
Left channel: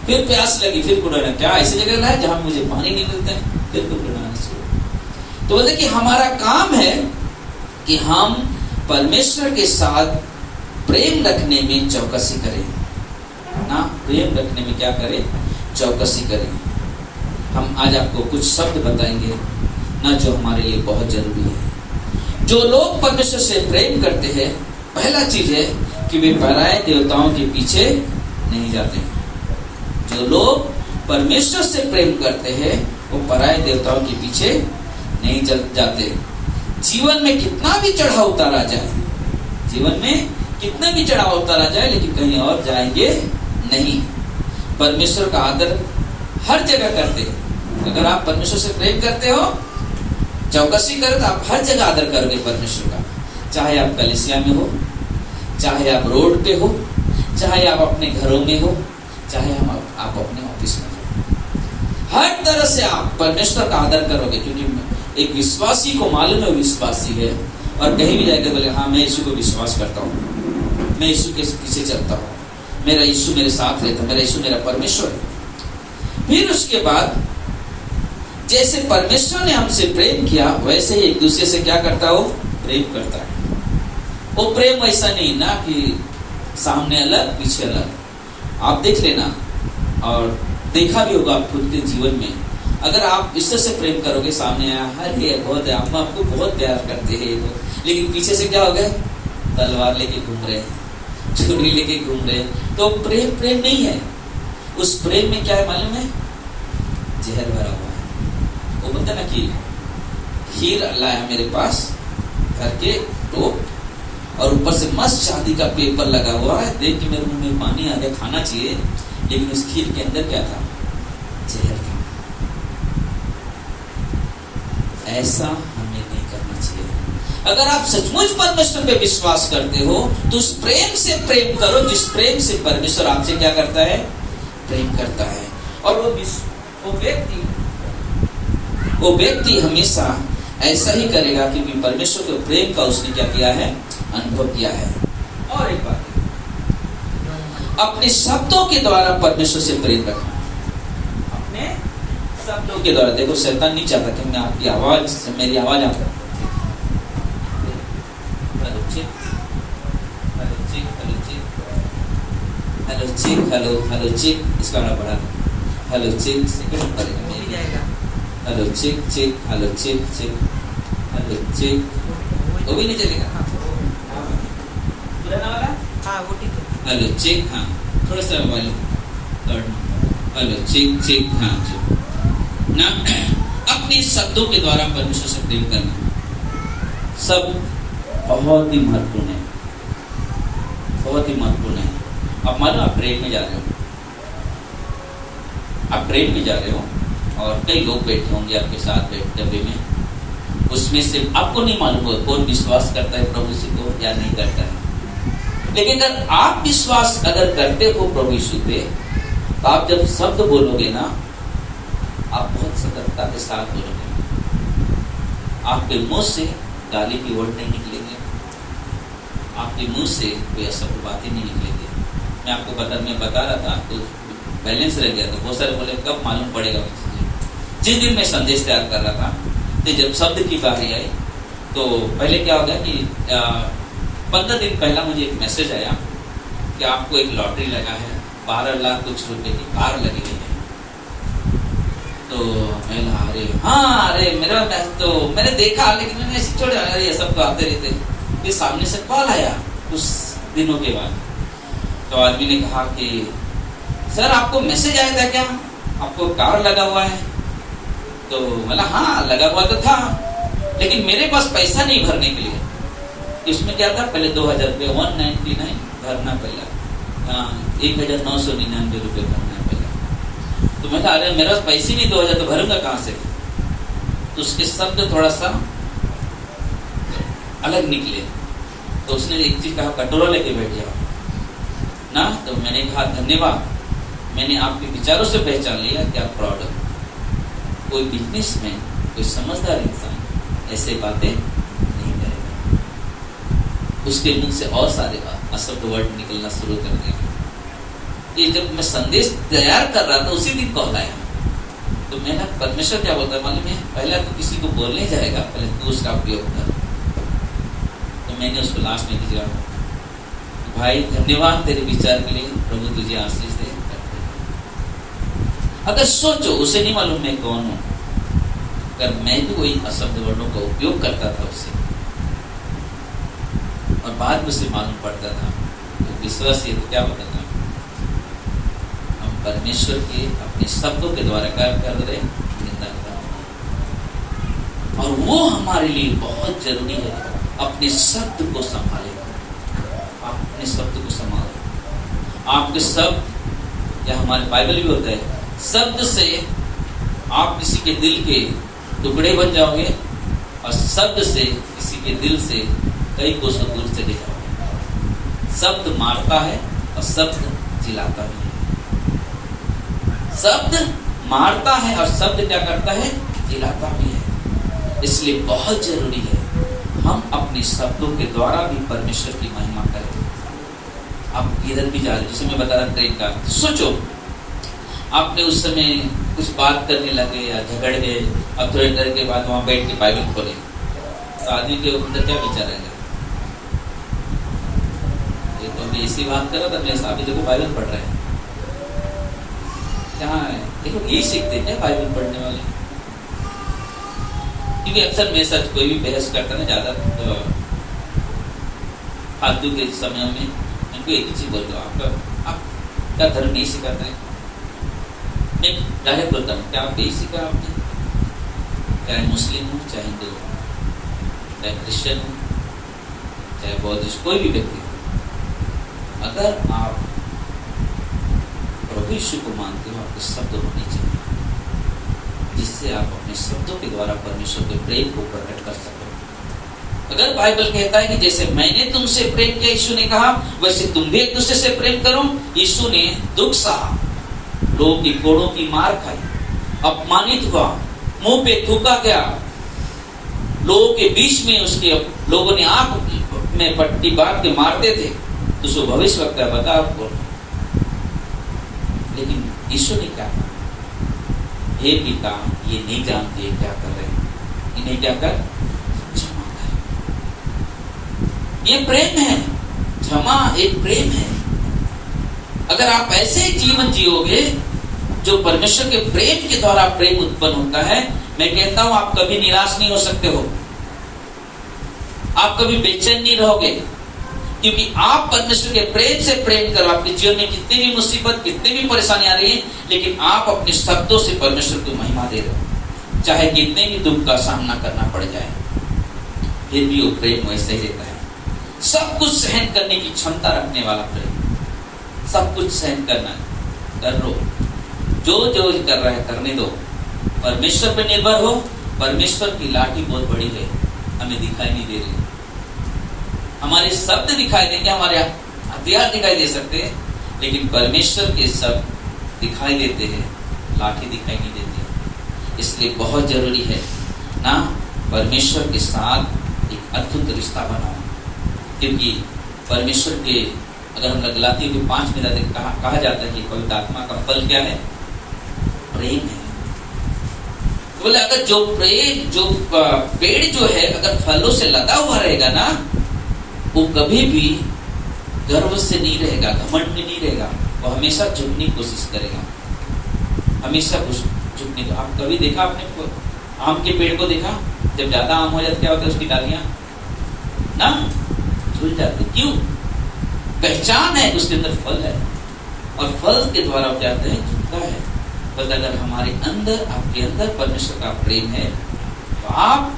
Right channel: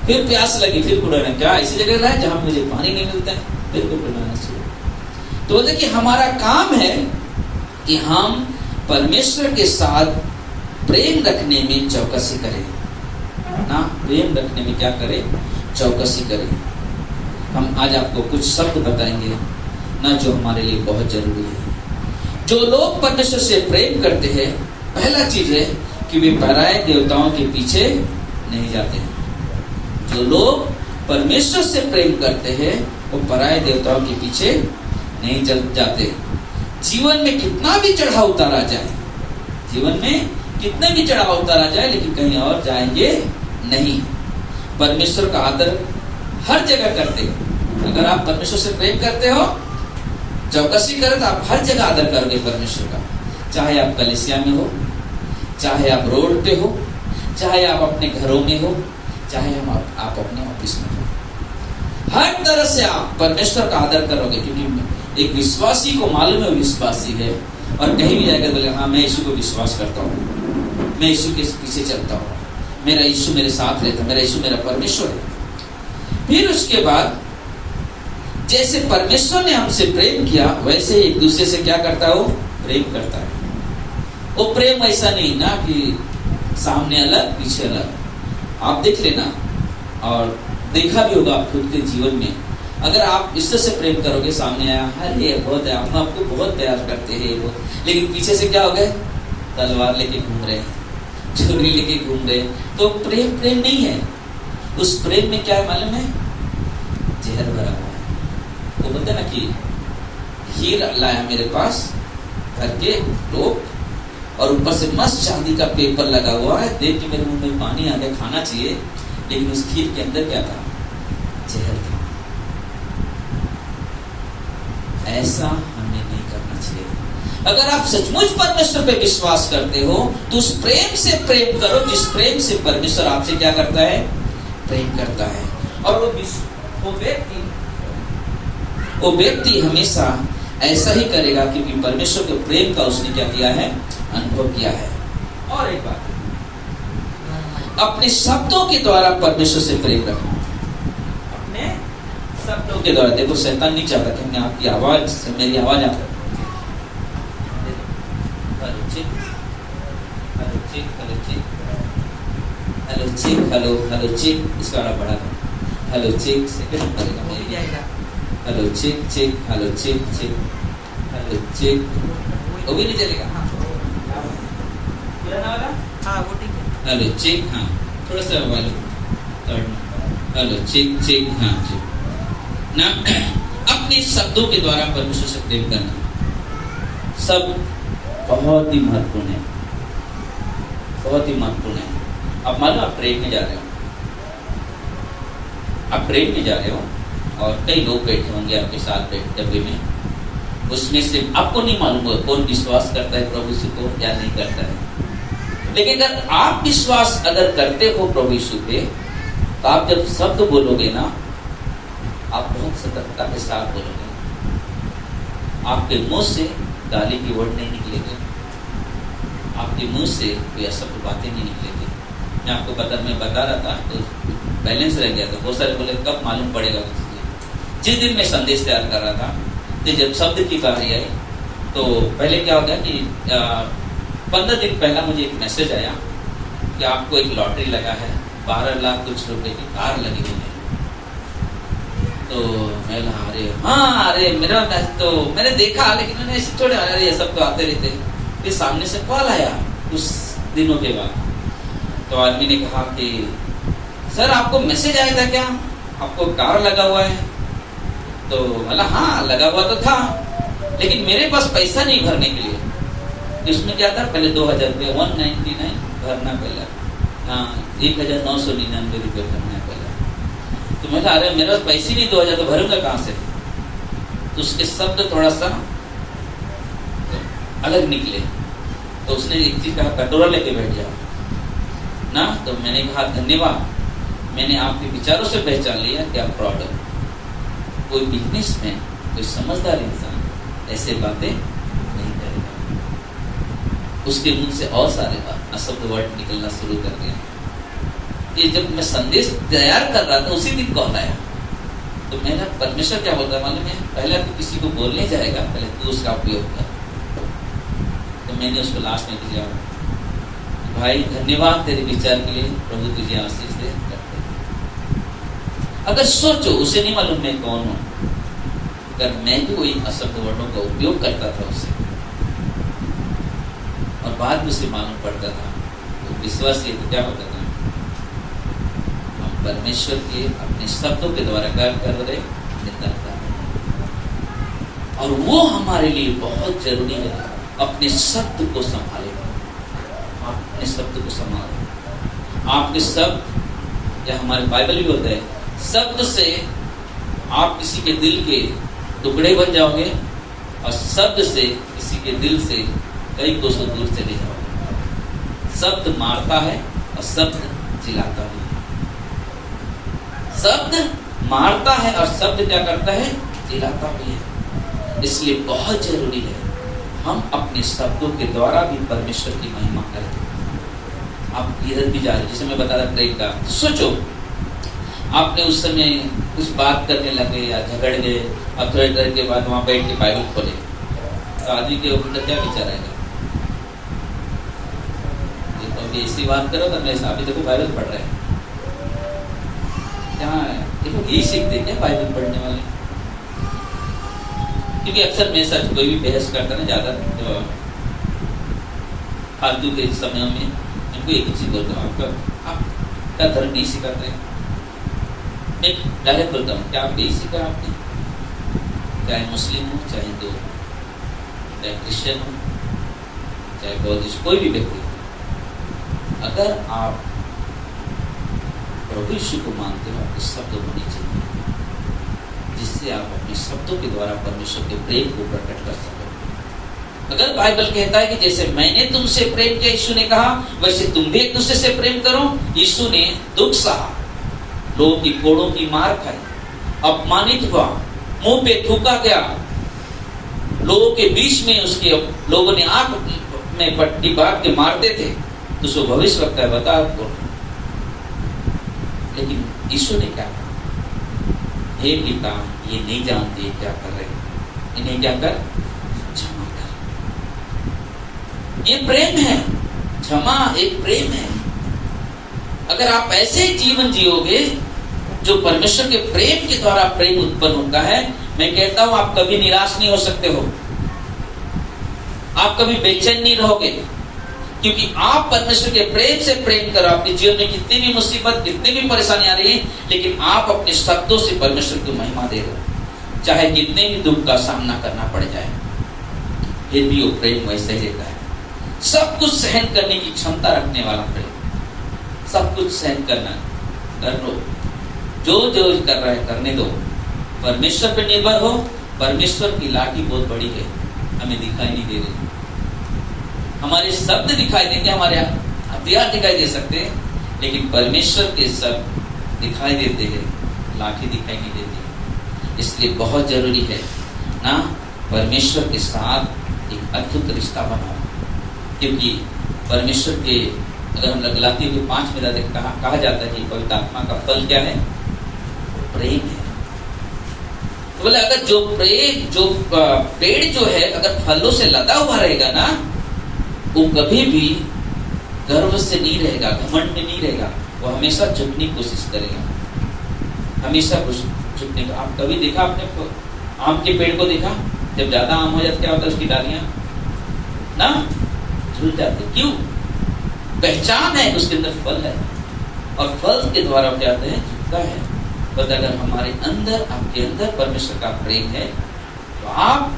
फिर प्यास लगी, फिर कुड़ाना, क्या ऐसी जगह लाए जहां मुझे पानी नहीं मिलता है, फिर कुड़ाना शुरू। तो बोले कि हमारा काम है कि हम परमेश्वर के साथ प्रेम रखने में चौकसी करें ना, प्रेम रखने में क्या करें? चौकसी करें। हम आज आपको कुछ शब्द बताएंगे ना, जो हमारे लिए बहुत जरूरी है। जो लोग परमेश्वर से प्रेम करते हैं, पहला चीज है कि वे पराये देवताओं के पीछे नहीं जाते हैं। जो लोग परमेश्वर से प्रेम करते हैं, वो पराये देवताओं के पीछे नहीं जाते। जीवन में कितना भी चढ़ाव उतारा जाए, जीवन में कितना भी चढ़ाव उतारा जाए, लेकिन कहीं और जाएंगे नहीं। परमेश्वर का आदर हर जगह करते हैं। अगर आप परमेश्वर से प्रेम करते हो, चौकसी करें, तो आप हर जगह आदर करोगे परमेश्वर का। चाहे आप कलीसिया में हो, चाहे आप रोड पे हो, चाहे आप अपने घरों में हो, चाहे आप अपने ऑफिस में हो, हर तरह से आप परमेश्वर का आदर करोगे। क्योंकि एक विश्वासी को मालूम है विश्वासी है, और कहीं भी जाकर बोले, हाँ मैं यीशु को विश्वास करता हूँ, मैं यीशु के पीछे चलता हूँ, मेरा यीशु मेरे साथ रहता है, मेरा यीशु मेरा परमेश्वर है। फिर उसके बाद जैसे परमेश्वर ने हमसे प्रेम किया, वैसे ही एक दूसरे से क्या करता हो? प्रेम करता है। वो प्रेम ऐसा नहीं ना कि सामने अलग पीछे अलग। आप देख लेना, और देखा भी होगा आप खुद के जीवन में, अगर आप इससे से प्रेम करोगे, सामने आया, अरे बहुत है, हम आपको बहुत प्यार करते हैं ये, लेकिन पीछे से क्या हो गए? तलवार लेके घूम रहे, छुरी लेके घूम रहे, तो प्रेम नहीं है। उस प्रेम में क्या है मालूम है? जहर भरा हुआ है। वो बोलते ना कि खीर लाया मेरे पास, घर के टोप, और ऊपर से मस्त शादी का पेपर लगा हुआ है, देख के मेरे मुंह में पानी आ गया, खाना चाहिए, लेकिन उस खीर के अंदर क्या था? जहर था। ऐसा हमें नहीं करना चाहिए। अगर आप सचमुच परमेश्वर पे विश्वास करते हो तो उस प्रेम से प्रेम करो जिस प्रेम से परमेश्वर आपसे क्या करता है, प्रेम करता है। और वो व्यक्ति हमेशा ऐसा ही करेगा क्योंकि परमेश्वर के प्रेम का उसने क्या किया है, अनुभव किया है। और एक बात, अपने शब्दों के द्वारा परमेश्वर से प्रेम रखना। अपने शब्दों के द्वारा, देखो शैतान नहीं चाहता कि मैं आपकी आवाज से, मेरी आवाज आप हेलो चेक इसका ना बढ़ा, हेलो चेक सेकंड करेगा, hello check check, hello check check, hello check, वो भी नहीं चलेगा। हाँ वो ठीक है। हेलो चेक, हाँ थोड़ा सा मोबाइल, हेलो चेक चेक, हाँ जी ना। अपने शब्दों के द्वारा परमेश्वर से प्रेम करना सब बहुत ही महत्वपूर्ण है, बहुत ही महत्वपूर्ण है। अब मानो आप ट्रेन में जा रहे हो, आप ट्रेन में जा रहे हो और कई लोग बैठे होंगे आपके साथ डब्बे में, उसमें से आपको नहीं मालूम होगा कौन विश्वास करता है प्रभु यीशु को या नहीं करता है। लेकिन अगर आप विश्वास अगर करते हो प्रभु यीशु पे, तो आप जब शब्द बोलोगे ना, आप बहुत सतर्कता के साथ बोलोगे। आपके मुंह से गाली की वर्ड नहीं निकलेंगे, आपके मुंह से कोई असफल बातें नहीं निकलेंगी। मैं आपको मैं बता रहा था तो बैलेंस रह गया था, बहुत सारे बोले कब मालूम पड़ेगा। जिस दिन मैं संदेश तैयार कर रहा था कि जब शब्द की बारी आई तो पहले क्या हो गया कि 15 दिन पहला मुझे एक मैसेज आया कि आपको एक लॉटरी लगा है, 12 लाख कुछ रुपए की कार लगी हुई है। तो मैं अरे हाँ, अरे मेरा तो मैंने देखा, लेकिन मैंने छोड़े, अरे ये सब तो आते रहते। फिर सामने से कॉल आया कुछ दिनों के बाद, तो आदमी ने कहा कि सर आपको मैसेज आया था क्या, आपको कार लगा हुआ है? तो बोला हाँ लगा हुआ तो था, लेकिन मेरे पास पैसा नहीं भरने के लिए। इसमें क्या था, पहले 2000 रुपये 199 भरना पहला, 1999 रुपये भरना पहला। तो मैं कहा अरे मेरे पास पैसे नहीं, 2000 तो भरूंगा कहाँ से? तो उसके शब्द थोड़ा सा अलग निकले। तो उसने एक चीज कहा, कटोरा लेके बैठ जाओ ना। तो मैंने कहा धन्यवाद, मैंने आपके विचारों से पहचान लिया कि आप फ्रॉड हो। कोई बिजनेस में कोई समझदार इंसान ऐसे बातें नहीं करेगा। उसके मुंह से और सारे अशब्द वर्ड निकलना शुरू कर दिया। ये जब मैं संदेश तैयार कर रहा था उसी दिन कॉल आया। तो मैंने परमेश्वर क्या बोलता मालूम है, पहला तो किसी को बोलने जाएगा, पहले तू उसका उपयोग कर। तो मैंने उसको लास्ट में दिया, भाई धन्यवाद तेरे विचार के लिए, प्रभु तुझे आशीष दे। अगर सोचो, उसे नहीं मालूम मैं कौन हूं, अगर मैं भी वही अशब्द वर्णों का उपयोग करता था उससे, और बाद में उसे मालूम पड़ता था, तो विश्वास ये तो क्या होता था, हम परमेश्वर के अपने शब्दों के द्वारा क्या कर रहे, निंदा कर रहे। और वो हमारे लिए बहुत जरूरी है, अपने शब्द को संभाले, अपने शब्द को संभाले। आपके शब्द, या हमारे बाइबल भी होता है, शब्द से आप किसी के दिल के टुकड़े बन जाओगे, और शब्द से किसी के दिल से कई कोसों दूर चले जाओगे। शब्द मारता है और शब्द जिलाता है। शब्द मारता है और शब्द क्या करता है, जिलाता भी है। इसलिए बहुत जरूरी है हम अपने शब्दों के द्वारा भी परमेश्वर की महिमा करें। आप इधर भी जा रहे, जैसे मैं बता रहा ट्रेन का, सोचो आपने उस समय कुछ बात करने लगे या झगड़ गए, अब थोड़ी देर के बाद वहां बैठ के बाइबल खोले, तो आदमी के ऊपर क्या विचार आएगा, ये तो अभी ऐसी बात करो तो मेरे साथ देखो बाइबल पढ़ रहे हैं, क्या है देखो यही सीखते क्या बाइबल पढ़ने वाले? क्योंकि अक्सर मेरे साथ कोई भी बहस करता है ना, ज्यादा तो फालतू के समय में इनको एक ही चीज बोलता हूँ, आपका धर्म नहीं सिखाता है। मैं डायरेक्ट बोलता हूँ, क्या आप यही सीखा आपने? चाहे मुस्लिम हो, चाहे हिंदू हो, चाहे क्रिश्चियन हो, चाहे बौद्धिस्ट, कोई भी व्यक्ति हो, अगर आप प्रभु यीशु को मानते हो, आपके शब्द होने चाहिए जिससे आप अपने शब्दों के द्वारा परमेश्वर के प्रेम को प्रकट कर सको। अगर बाइबल कहता है कि जैसे मैंने तुमसे प्रेम किया, यीशु ने कहा, वैसे तुम भी एक दूसरे से प्रेम करो। यीशु ने दुख सहा, लोगों की कोड़ों की मार खाई, अपमानित हुआ, मुंह पे थूका गया, लोगों के बीच में उसके लोगों ने आंख में पट्टी बांध के मारते थे। उसको भविष्य वक्त है, बता आपको। लेकिन यीशु ने क्या कहा? हे पिता, ये नहीं जानते क्या कर रहे हैं, इन्हें क्या कर, क्षमा कर। ये प्रेम है, क्षमा एक प्रेम है। अगर आप ऐसे जीवन जियोगे जो परमेश्वर के प्रेम के द्वारा प्रेम उत्पन्न होता है, मैं कहता हूं आप कभी निराश नहीं हो सकते हो, आप कभी बेचैन नहीं रहोगे, क्योंकि आप परमेश्वर के प्रेम से प्रेम करो। आपके जीवन में कितनी भी मुसीबत, कितनी भी परेशानी आ रही है, लेकिन आप अपने शब्दों से परमेश्वर को महिमा दे रहे हो, चाहे कितने भी दुख का सामना करना पड़ जाए, फिर भी वो प्रेम वैसे ही रहता है। सब कुछ सहन करने की क्षमता रखने वाला प्रेम, सब कुछ सहन करना, कर लो, जो जो कर रहा है करने दो, परमेश्वर पे निर्भर हो। परमेश्वर की लाठी बहुत बड़ी है, हमें दिखाई नहीं दे रही, हमारे शब्द दिखाई देंगे, हमारे हथियार दिखाई दे सकते हैं, लेकिन परमेश्वर के शब्द दिखाई देते हैं, लाठी दिखाई नहीं देती। इसलिए बहुत जरूरी है ना परमेश्वर के साथ एक अद्भुत रिश्ता बनाओ, क्योंकि परमेश्वर के, अगर हम गलातियों के 5 में कहा जाता है कि पवित्र आत्मा का फल क्या है? प्रेम है। तो बोले अगर जो प्रेम, जो पेड़ जो है अगर फलों से लदा हुआ रहेगा ना, वो कभी भी गर्व से नहीं रहेगा, घमंड में नहीं रहेगा, वो हमेशा झुकने की कोशिश करेगा, हमेशा झुकने का। आप कभी देखा आपने आम के पेड़ को देखा? जब ज्यादा आम हो जाता क्या होता है? उसकी डालियां ना झुल जाती। क्यों? पहचान है उसके अंदर फल है, और फल के द्वारा क्या होता है? झुकता है। बस अगर हमारे अंदर, आपके अंदर परमेश्वर का प्रेम है, तो आप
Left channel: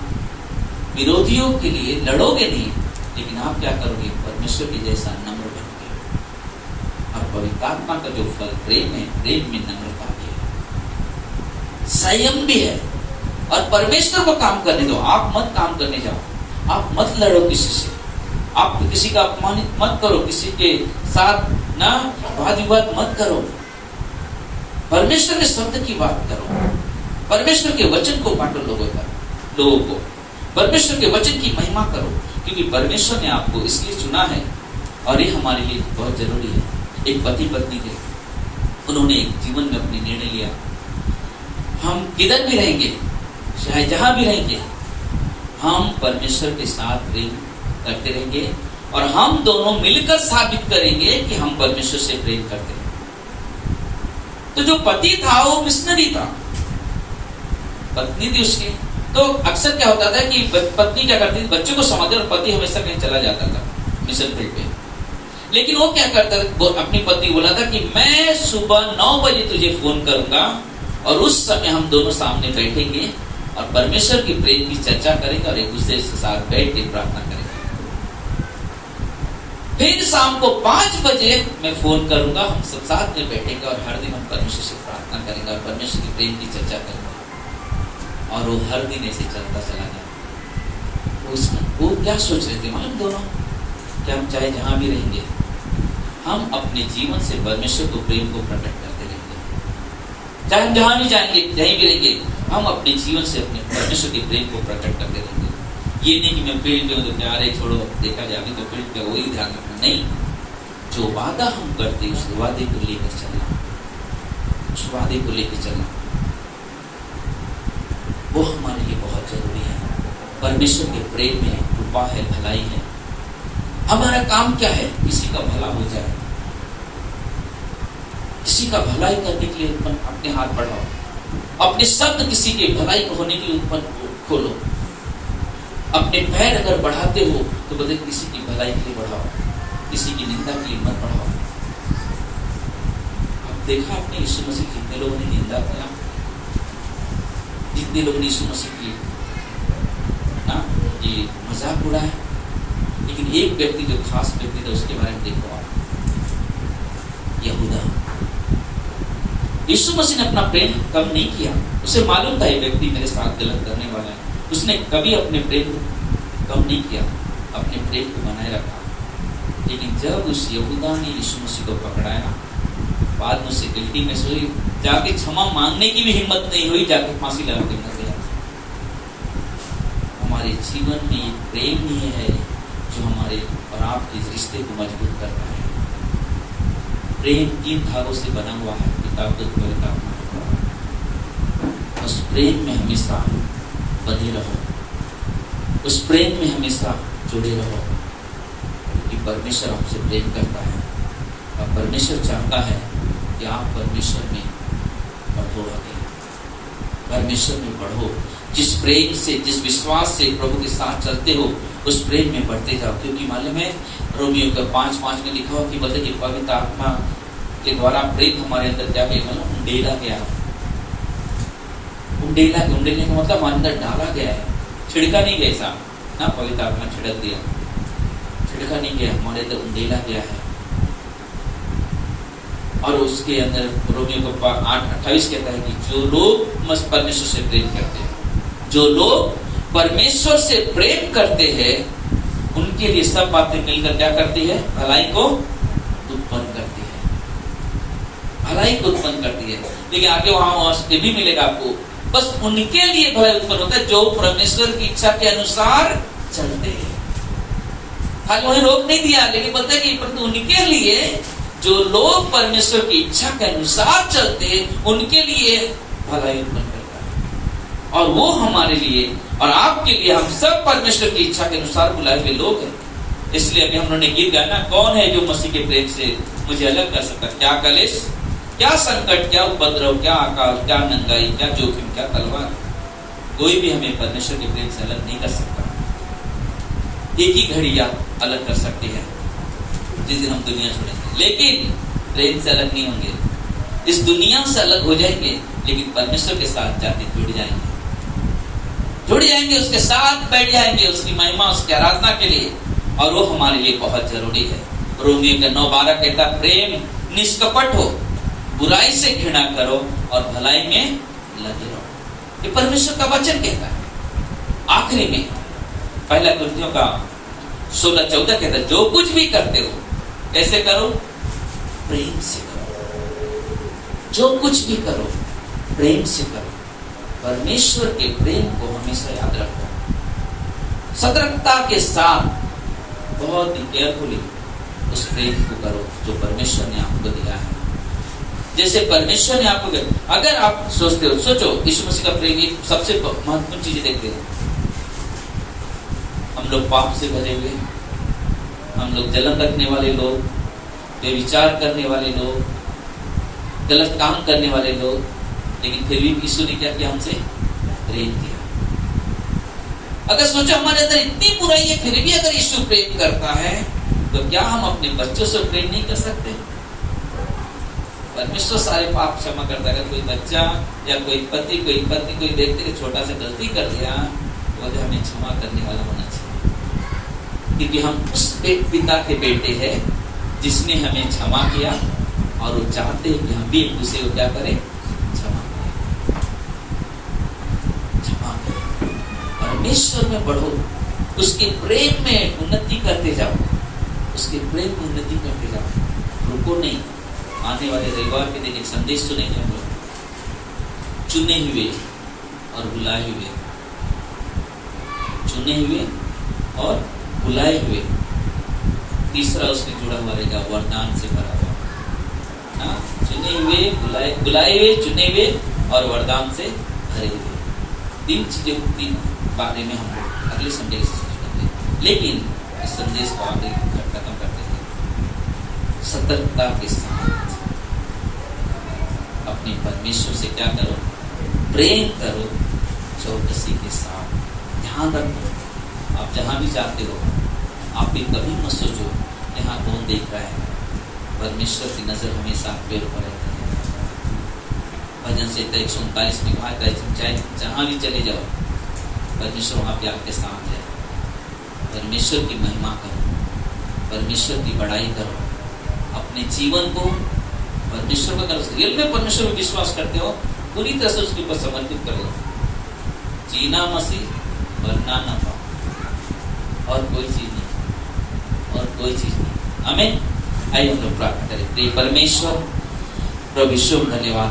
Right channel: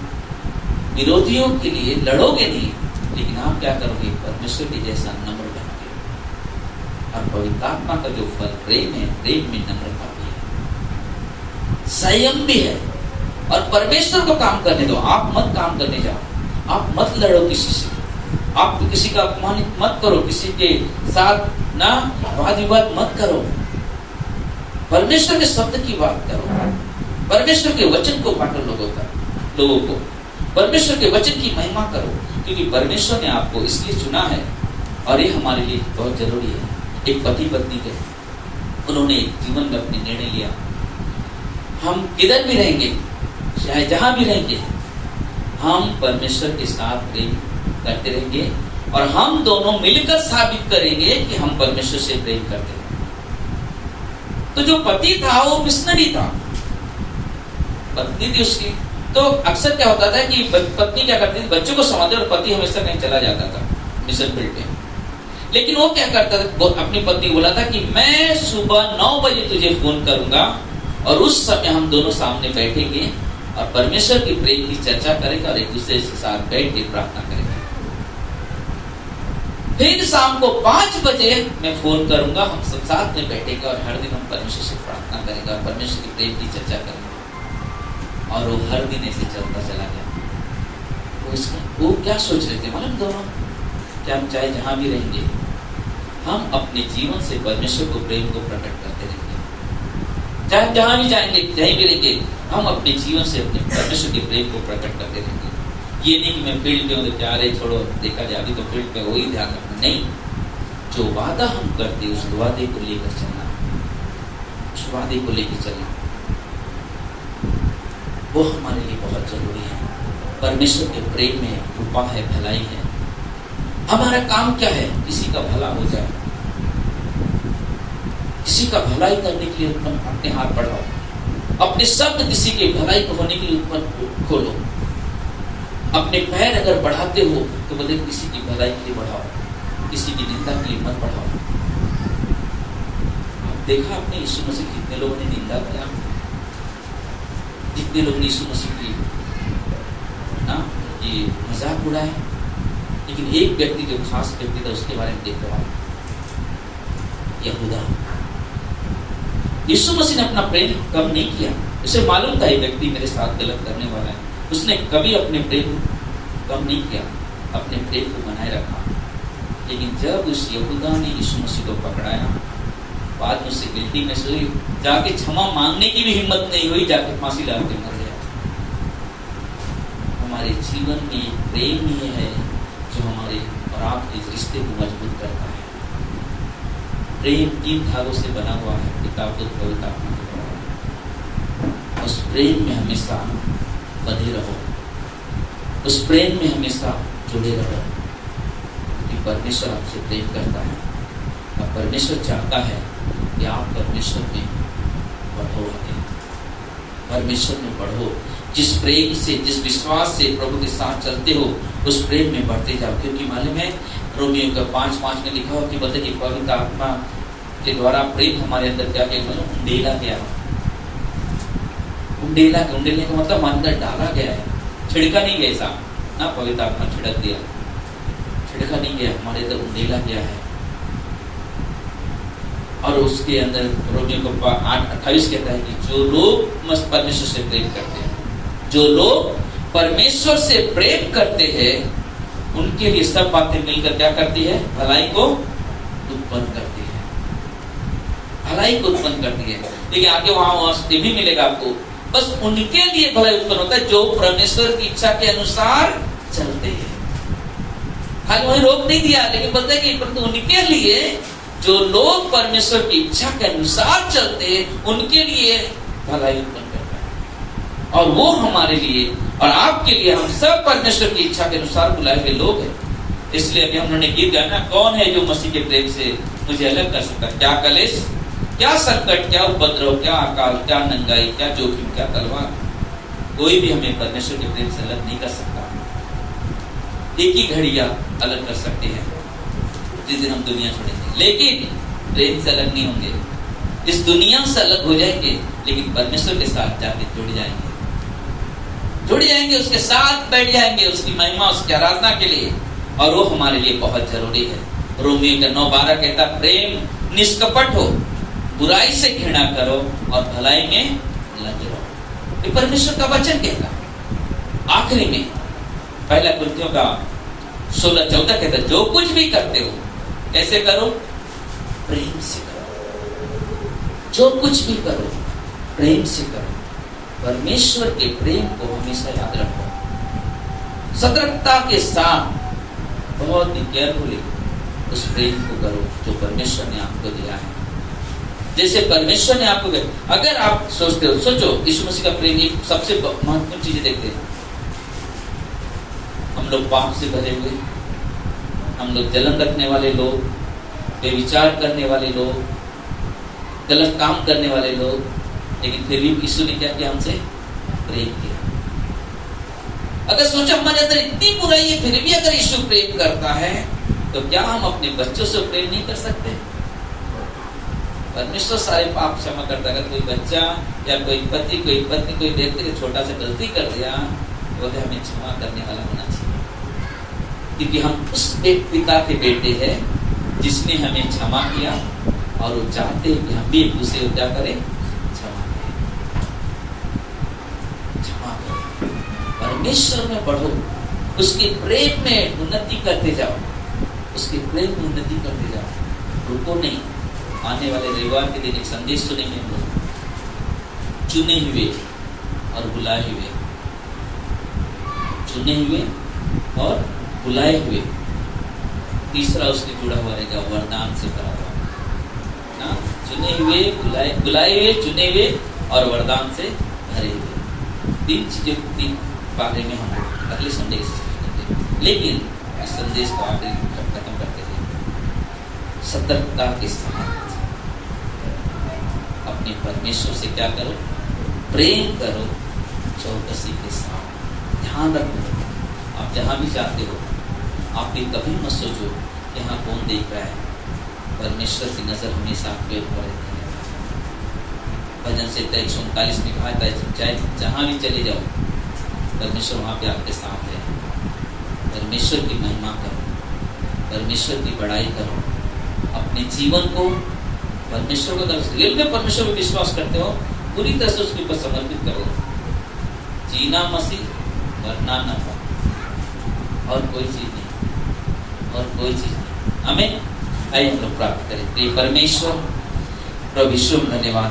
विरोधियों के लिए लड़ोगे नहीं, लेकिन आप क्या करोगे? परमेश्वर की जैसा नम्र बनोगे। और पवित्र आत्मा का जो फल प्रेम है, प्रेम में नम्रता भी है, संयम भी है, और परमेश्वर को काम करने दो। आप मत काम करने जाओ, आप मत लड़ो किसी से, आप किसी का अपमानित मत करो, किसी के साथ ना वाद विवाद मत करो, परमेश्वर के शब्द की बात करो, परमेश्वर के वचन को बांटो लोगों को, परमेश्वर के वचन की महिमा करो, क्योंकि परमेश्वर ने आपको इसलिए चुना है, और ये हमारे लिए बहुत जरूरी है। एक पति पत्नी थे, उन्होंने एक जीवन में अपने निर्णय लिया, हम किधर भी रहेंगे, चाहे जहां भी रहेंगे, हम परमेश्वर के साथ प्रेम करते रहेंगे, और हम दोनों मिलकर साबित करेंगे कि हम परमेश्वर से प्रेम करते हैं। तो जो पति था वो मिशनरी था, पत्नी थी उसकी, तो अक्सर क्या होता था कि पत्नी क्या करती थी? बच्चों को संभालते, और पति हमेशा कहीं चला जाता था मिशन फील्ड पे। लेकिन वो क्या करता था? अपनी पत्नी बोला था कि मैं सुबह 9 बजे तुझे फोन करूंगा, और उस समय हम दोनों सामने बैठेंगे और परमेश्वर की प्रेम की चर्चा करेंगे, और एक दूसरे के साथ बैठ के प्रार्थना करेंगे। फिर शाम को 5 बजे मैं फोन करूंगा, हम सब साथ में बैठेंगे, और हर दिन हम परमेश्वर से प्रार्थना करेंगे, और परमेश्वर की प्रेम की चर्चा करेंगे। और वो हर दिन ऐसे चलता चला गया। वो क्या सोच रहे थे मालूम दोनों? कि हम चाहे जहां भी रहेंगे, हम अपने जीवन से परमेश्वर को, प्रेम को प्रकट करते रहेंगे। चाहे हम जहां भी जाएंगे, कहीं भी रहेंगे, हम अपने जीवन से अपने परमेश्वर के प्रेम को प्रकट करते रहेंगे। ये नहीं कि मैं फील्ड पे हूँ, प्यारे छोड़ो, देखा जाए अभी तो फील्ड पे वही ध्यान रखना, नहीं। जो वादा हम करते हैं, उस वादे को लेकर चलना, उस वादे को लेकर चलना, वो हमारे लिए बहुत जरूरी है। परमेश्वर के प्रेम में कृपा है, भलाई है। हमारा काम क्या है? किसी का भला हो जाए, किसी का भलाई करने के लिए अपने हाथ बढ़ाओ, अपने शब्द किसी के भलाई को होने के लिए उत्पन्न खोलो। अपने पैर अगर बढ़ाते हो तो बदले किसी की भलाई के लिए बढ़ाओ, किसी की निंदा के लिए मत बढ़ाओ। अब देखा आपने यीशु मसीह कितने लोगों ने निंदा किया, जितने लोगों ने यीशु मसीह की ये मजाक उड़ाया, लेकिन एक व्यक्ति जो खास व्यक्ति था उसके बारे में देखो आप, यहूदा। यीशु मसीह ने अपना प्रेम कम नहीं किया, उसे मालूम था ये व्यक्ति मेरे साथ गलत करने वाला है, उसने कभी अपने प्रेम कम नहीं किया, अपने प्रेम को बनाए रखा। लेकिन जब उस यहूदा ने यीशु मसीह को पकड़ाया, बाद में उससे गिल्टी में हुई, जाके क्षमा मांगने की भी हिम्मत नहीं हुई, जाके फांसी लगा के मर गया। हमारे जीवन में एक प्रेम ही है जो हमारे और आपके रिश्ते को मजबूत करता है। प्रेम 3 धागों से बना हुआ है, पिता पुत्र पवित्र आत्मा। उस प्रेम में हमेशा बने रहो, उस प्रेम में हमेशा जुड़े रहो, क्योंकि परमेश्वर आपसे प्रेम करता है और परमेश्वर चाहता है कि आप परमेश्वर में बढ़ो, आगे परमेश्वर में बढ़ो। जिस प्रेम से, जिस विश्वास से प्रभु के साथ चलते हो, उस प्रेम में बढ़ते जाओ। क्योंकि मालूम है रोमियो का 5:5 में लिखा हो कि मतलब कि पवित्र आत्मा के द्वारा प्रेम हमारे अंदर क्या है, मतलब उंडेला गया। उंडेलने का मतलब अंदर डाला गया है, छिड़का नहीं गया। ऐसा ना पवित्र आत्मा छिड़क दिया, छिड़का नहीं गया, हमारे अंदर उंडेला गया है। और उसके अंदर रोमियो को 8:28 कहता है कि जो लोग परमेश्वर से प्रेम करते हैं, जो लोग परमेश्वर से प्रेम करते हैं, उनके लिए सब बातें मिलकर क्या करती है, भलाई को उत्पन्न करती है, भलाई को उत्पन्न करती है। लेकिन आगे वहां ये भी मिलेगा आपको, बस उनके लिए भलाई उत्पन्न होता है जो परमेश्वर की इच्छा के अनुसार चलते हैं। खाली वही रोक नहीं दिया, लेकिन बोलते हैं कि परंतु उनके लिए जो लोग परमेश्वर की इच्छा के अनुसार चलते हैं, उनके लिए भलाई उत्पन्न करता है। और वो हमारे लिए और आपके लिए, हम सब परमेश्वर की इच्छा के अनुसार बुलाए हुए लोग हैं। इसलिए अभी हम लोगों ने गीत गाया ना, कौन है जो मसीह के प्रेम से मुझे अलग कर सकता? क्या कलेश, क्या संकट, क्या उपद्रव, क्या अकाल, क्या नंगाई, क्या जोखिम, क्या तलवार, कोई भी हमें परमेश्वर के प्रेम से अलग नहीं कर सकता। एक ही घड़ी आप अलग कर सकते हैं, जिस दिन हम दुनिया छोड़ेंगे, लेकिन प्रेम से अलग नहीं होंगे। इस दुनिया से अलग हो जाएंगे, लेकिन परमेश्वर के साथ जाके जुड़ जाएंगे, उसके साथ बैठ जाएंगे, उसकी महिमा, उसकी आराधना के लिए। और वो हमारे लिए बहुत जरूरी है। रोमियो का 9:12 कहता, प्रेम निष्कपट हो, बुराई से घृणा करो और भलाई में लगे रहो। ये परमेश्वर का वचन कहता है। आखिरी में 1 कुरिन्थियों का 16:14 कहता है, जो कुछ भी करते हो कैसे करो, प्रेम से करो। जो कुछ भी करो प्रेम से करो। परमेश्वर के प्रेम को हमेशा याद रखो, सतर्कता के साथ, बहुत ही केयरफुली उस प्रेम को करो जो परमेश्वर ने आपको दिया है। जैसे परमेश्वर ने आपको दिया, अगर आप सोचते हो, सोचो यीशु मसीह का प्रेम, ये सबसे महत्वपूर्ण चीजें देखते हैं। हम लोग पाप से भरे हुए, हम लोग जलन रखने वाले लोग, बेविचार करने वाले लोग, गलत काम करने वाले लोग, लेकिन फिर भी यीशु ने क्या किया, हमसे प्रेम किया। अगर सोचो हमारे अंदर इतनी बुराई है, फिर भी अगर यीशु प्रेम करता है, तो क्या हम अपने बच्चों से प्रेम नहीं कर सकते? परमेश्वर सारे पाप क्षमा करता है। अगर कोई बच्चा या कोई पति, कोई पत्नी, कोई व्यक्ति छोटा सा गलती कर दिया, तो हमें क्षमा करने वाला होना चाहिए, क्योंकि हम उस पिता के बेटे हैं जिसने हमें क्षमा किया, और वो चाहते हैं कि हम भी एक दूसरे को क्या करें, क्षमा करें। परमेश्वर में बढ़ो, उसके प्रेम में उन्नति करते जाओ, उसके प्रेम में उन्नति करते जाओ, रुको नहीं। आने वाले रविवार के दिन एक संदेश सुनेंगे हम लोग, चुने हुए और बुलाए हुए, चुने हुए और बुलाए हुए। तीसरा उसके जुड़ा हुआ रहेगा, वरदान से भरा हुआ। चुने हुए, बुलाए हुए, चुने हुए और वरदान से भरे हुए। 3 चीजें, 3 बारे में हम अगले संडे से, लेकिन इस संदेश को आगे खत्म करते हैं। सतर्कता के साथ अपने परमेश्वर से क्या करो, प्रेम करो, चौकसी के साथ ध्यान रखो। आप जहां भी जाते हो, आप भी कभी मत सोचो यहाँ कौन देख रहा है। परमेश्वर की नजर हमेशा आपके ऊपर रहती है। भजन से 139 में कहा था, चाहे जहां भी चले जाओ, परमेश्वर वहां पे आपके साथ है। परमेश्वर की महिमा करो, परमेश्वर की बड़ाई करो, अपने जीवन को परमेश्वर को करो। रियल में परमेश्वर में विश्वास करते हो, पूरी तरह से उसके ऊपर समर्पित करो। जीना मसीह, मरना न पाओ। और कोई चीज नहीं, और कोई चीज नहीं। आमीन। आइए हम लोग प्रार्थना करें। प्रिय परमेश्वर, प्रभु यीशु धन्यवाद।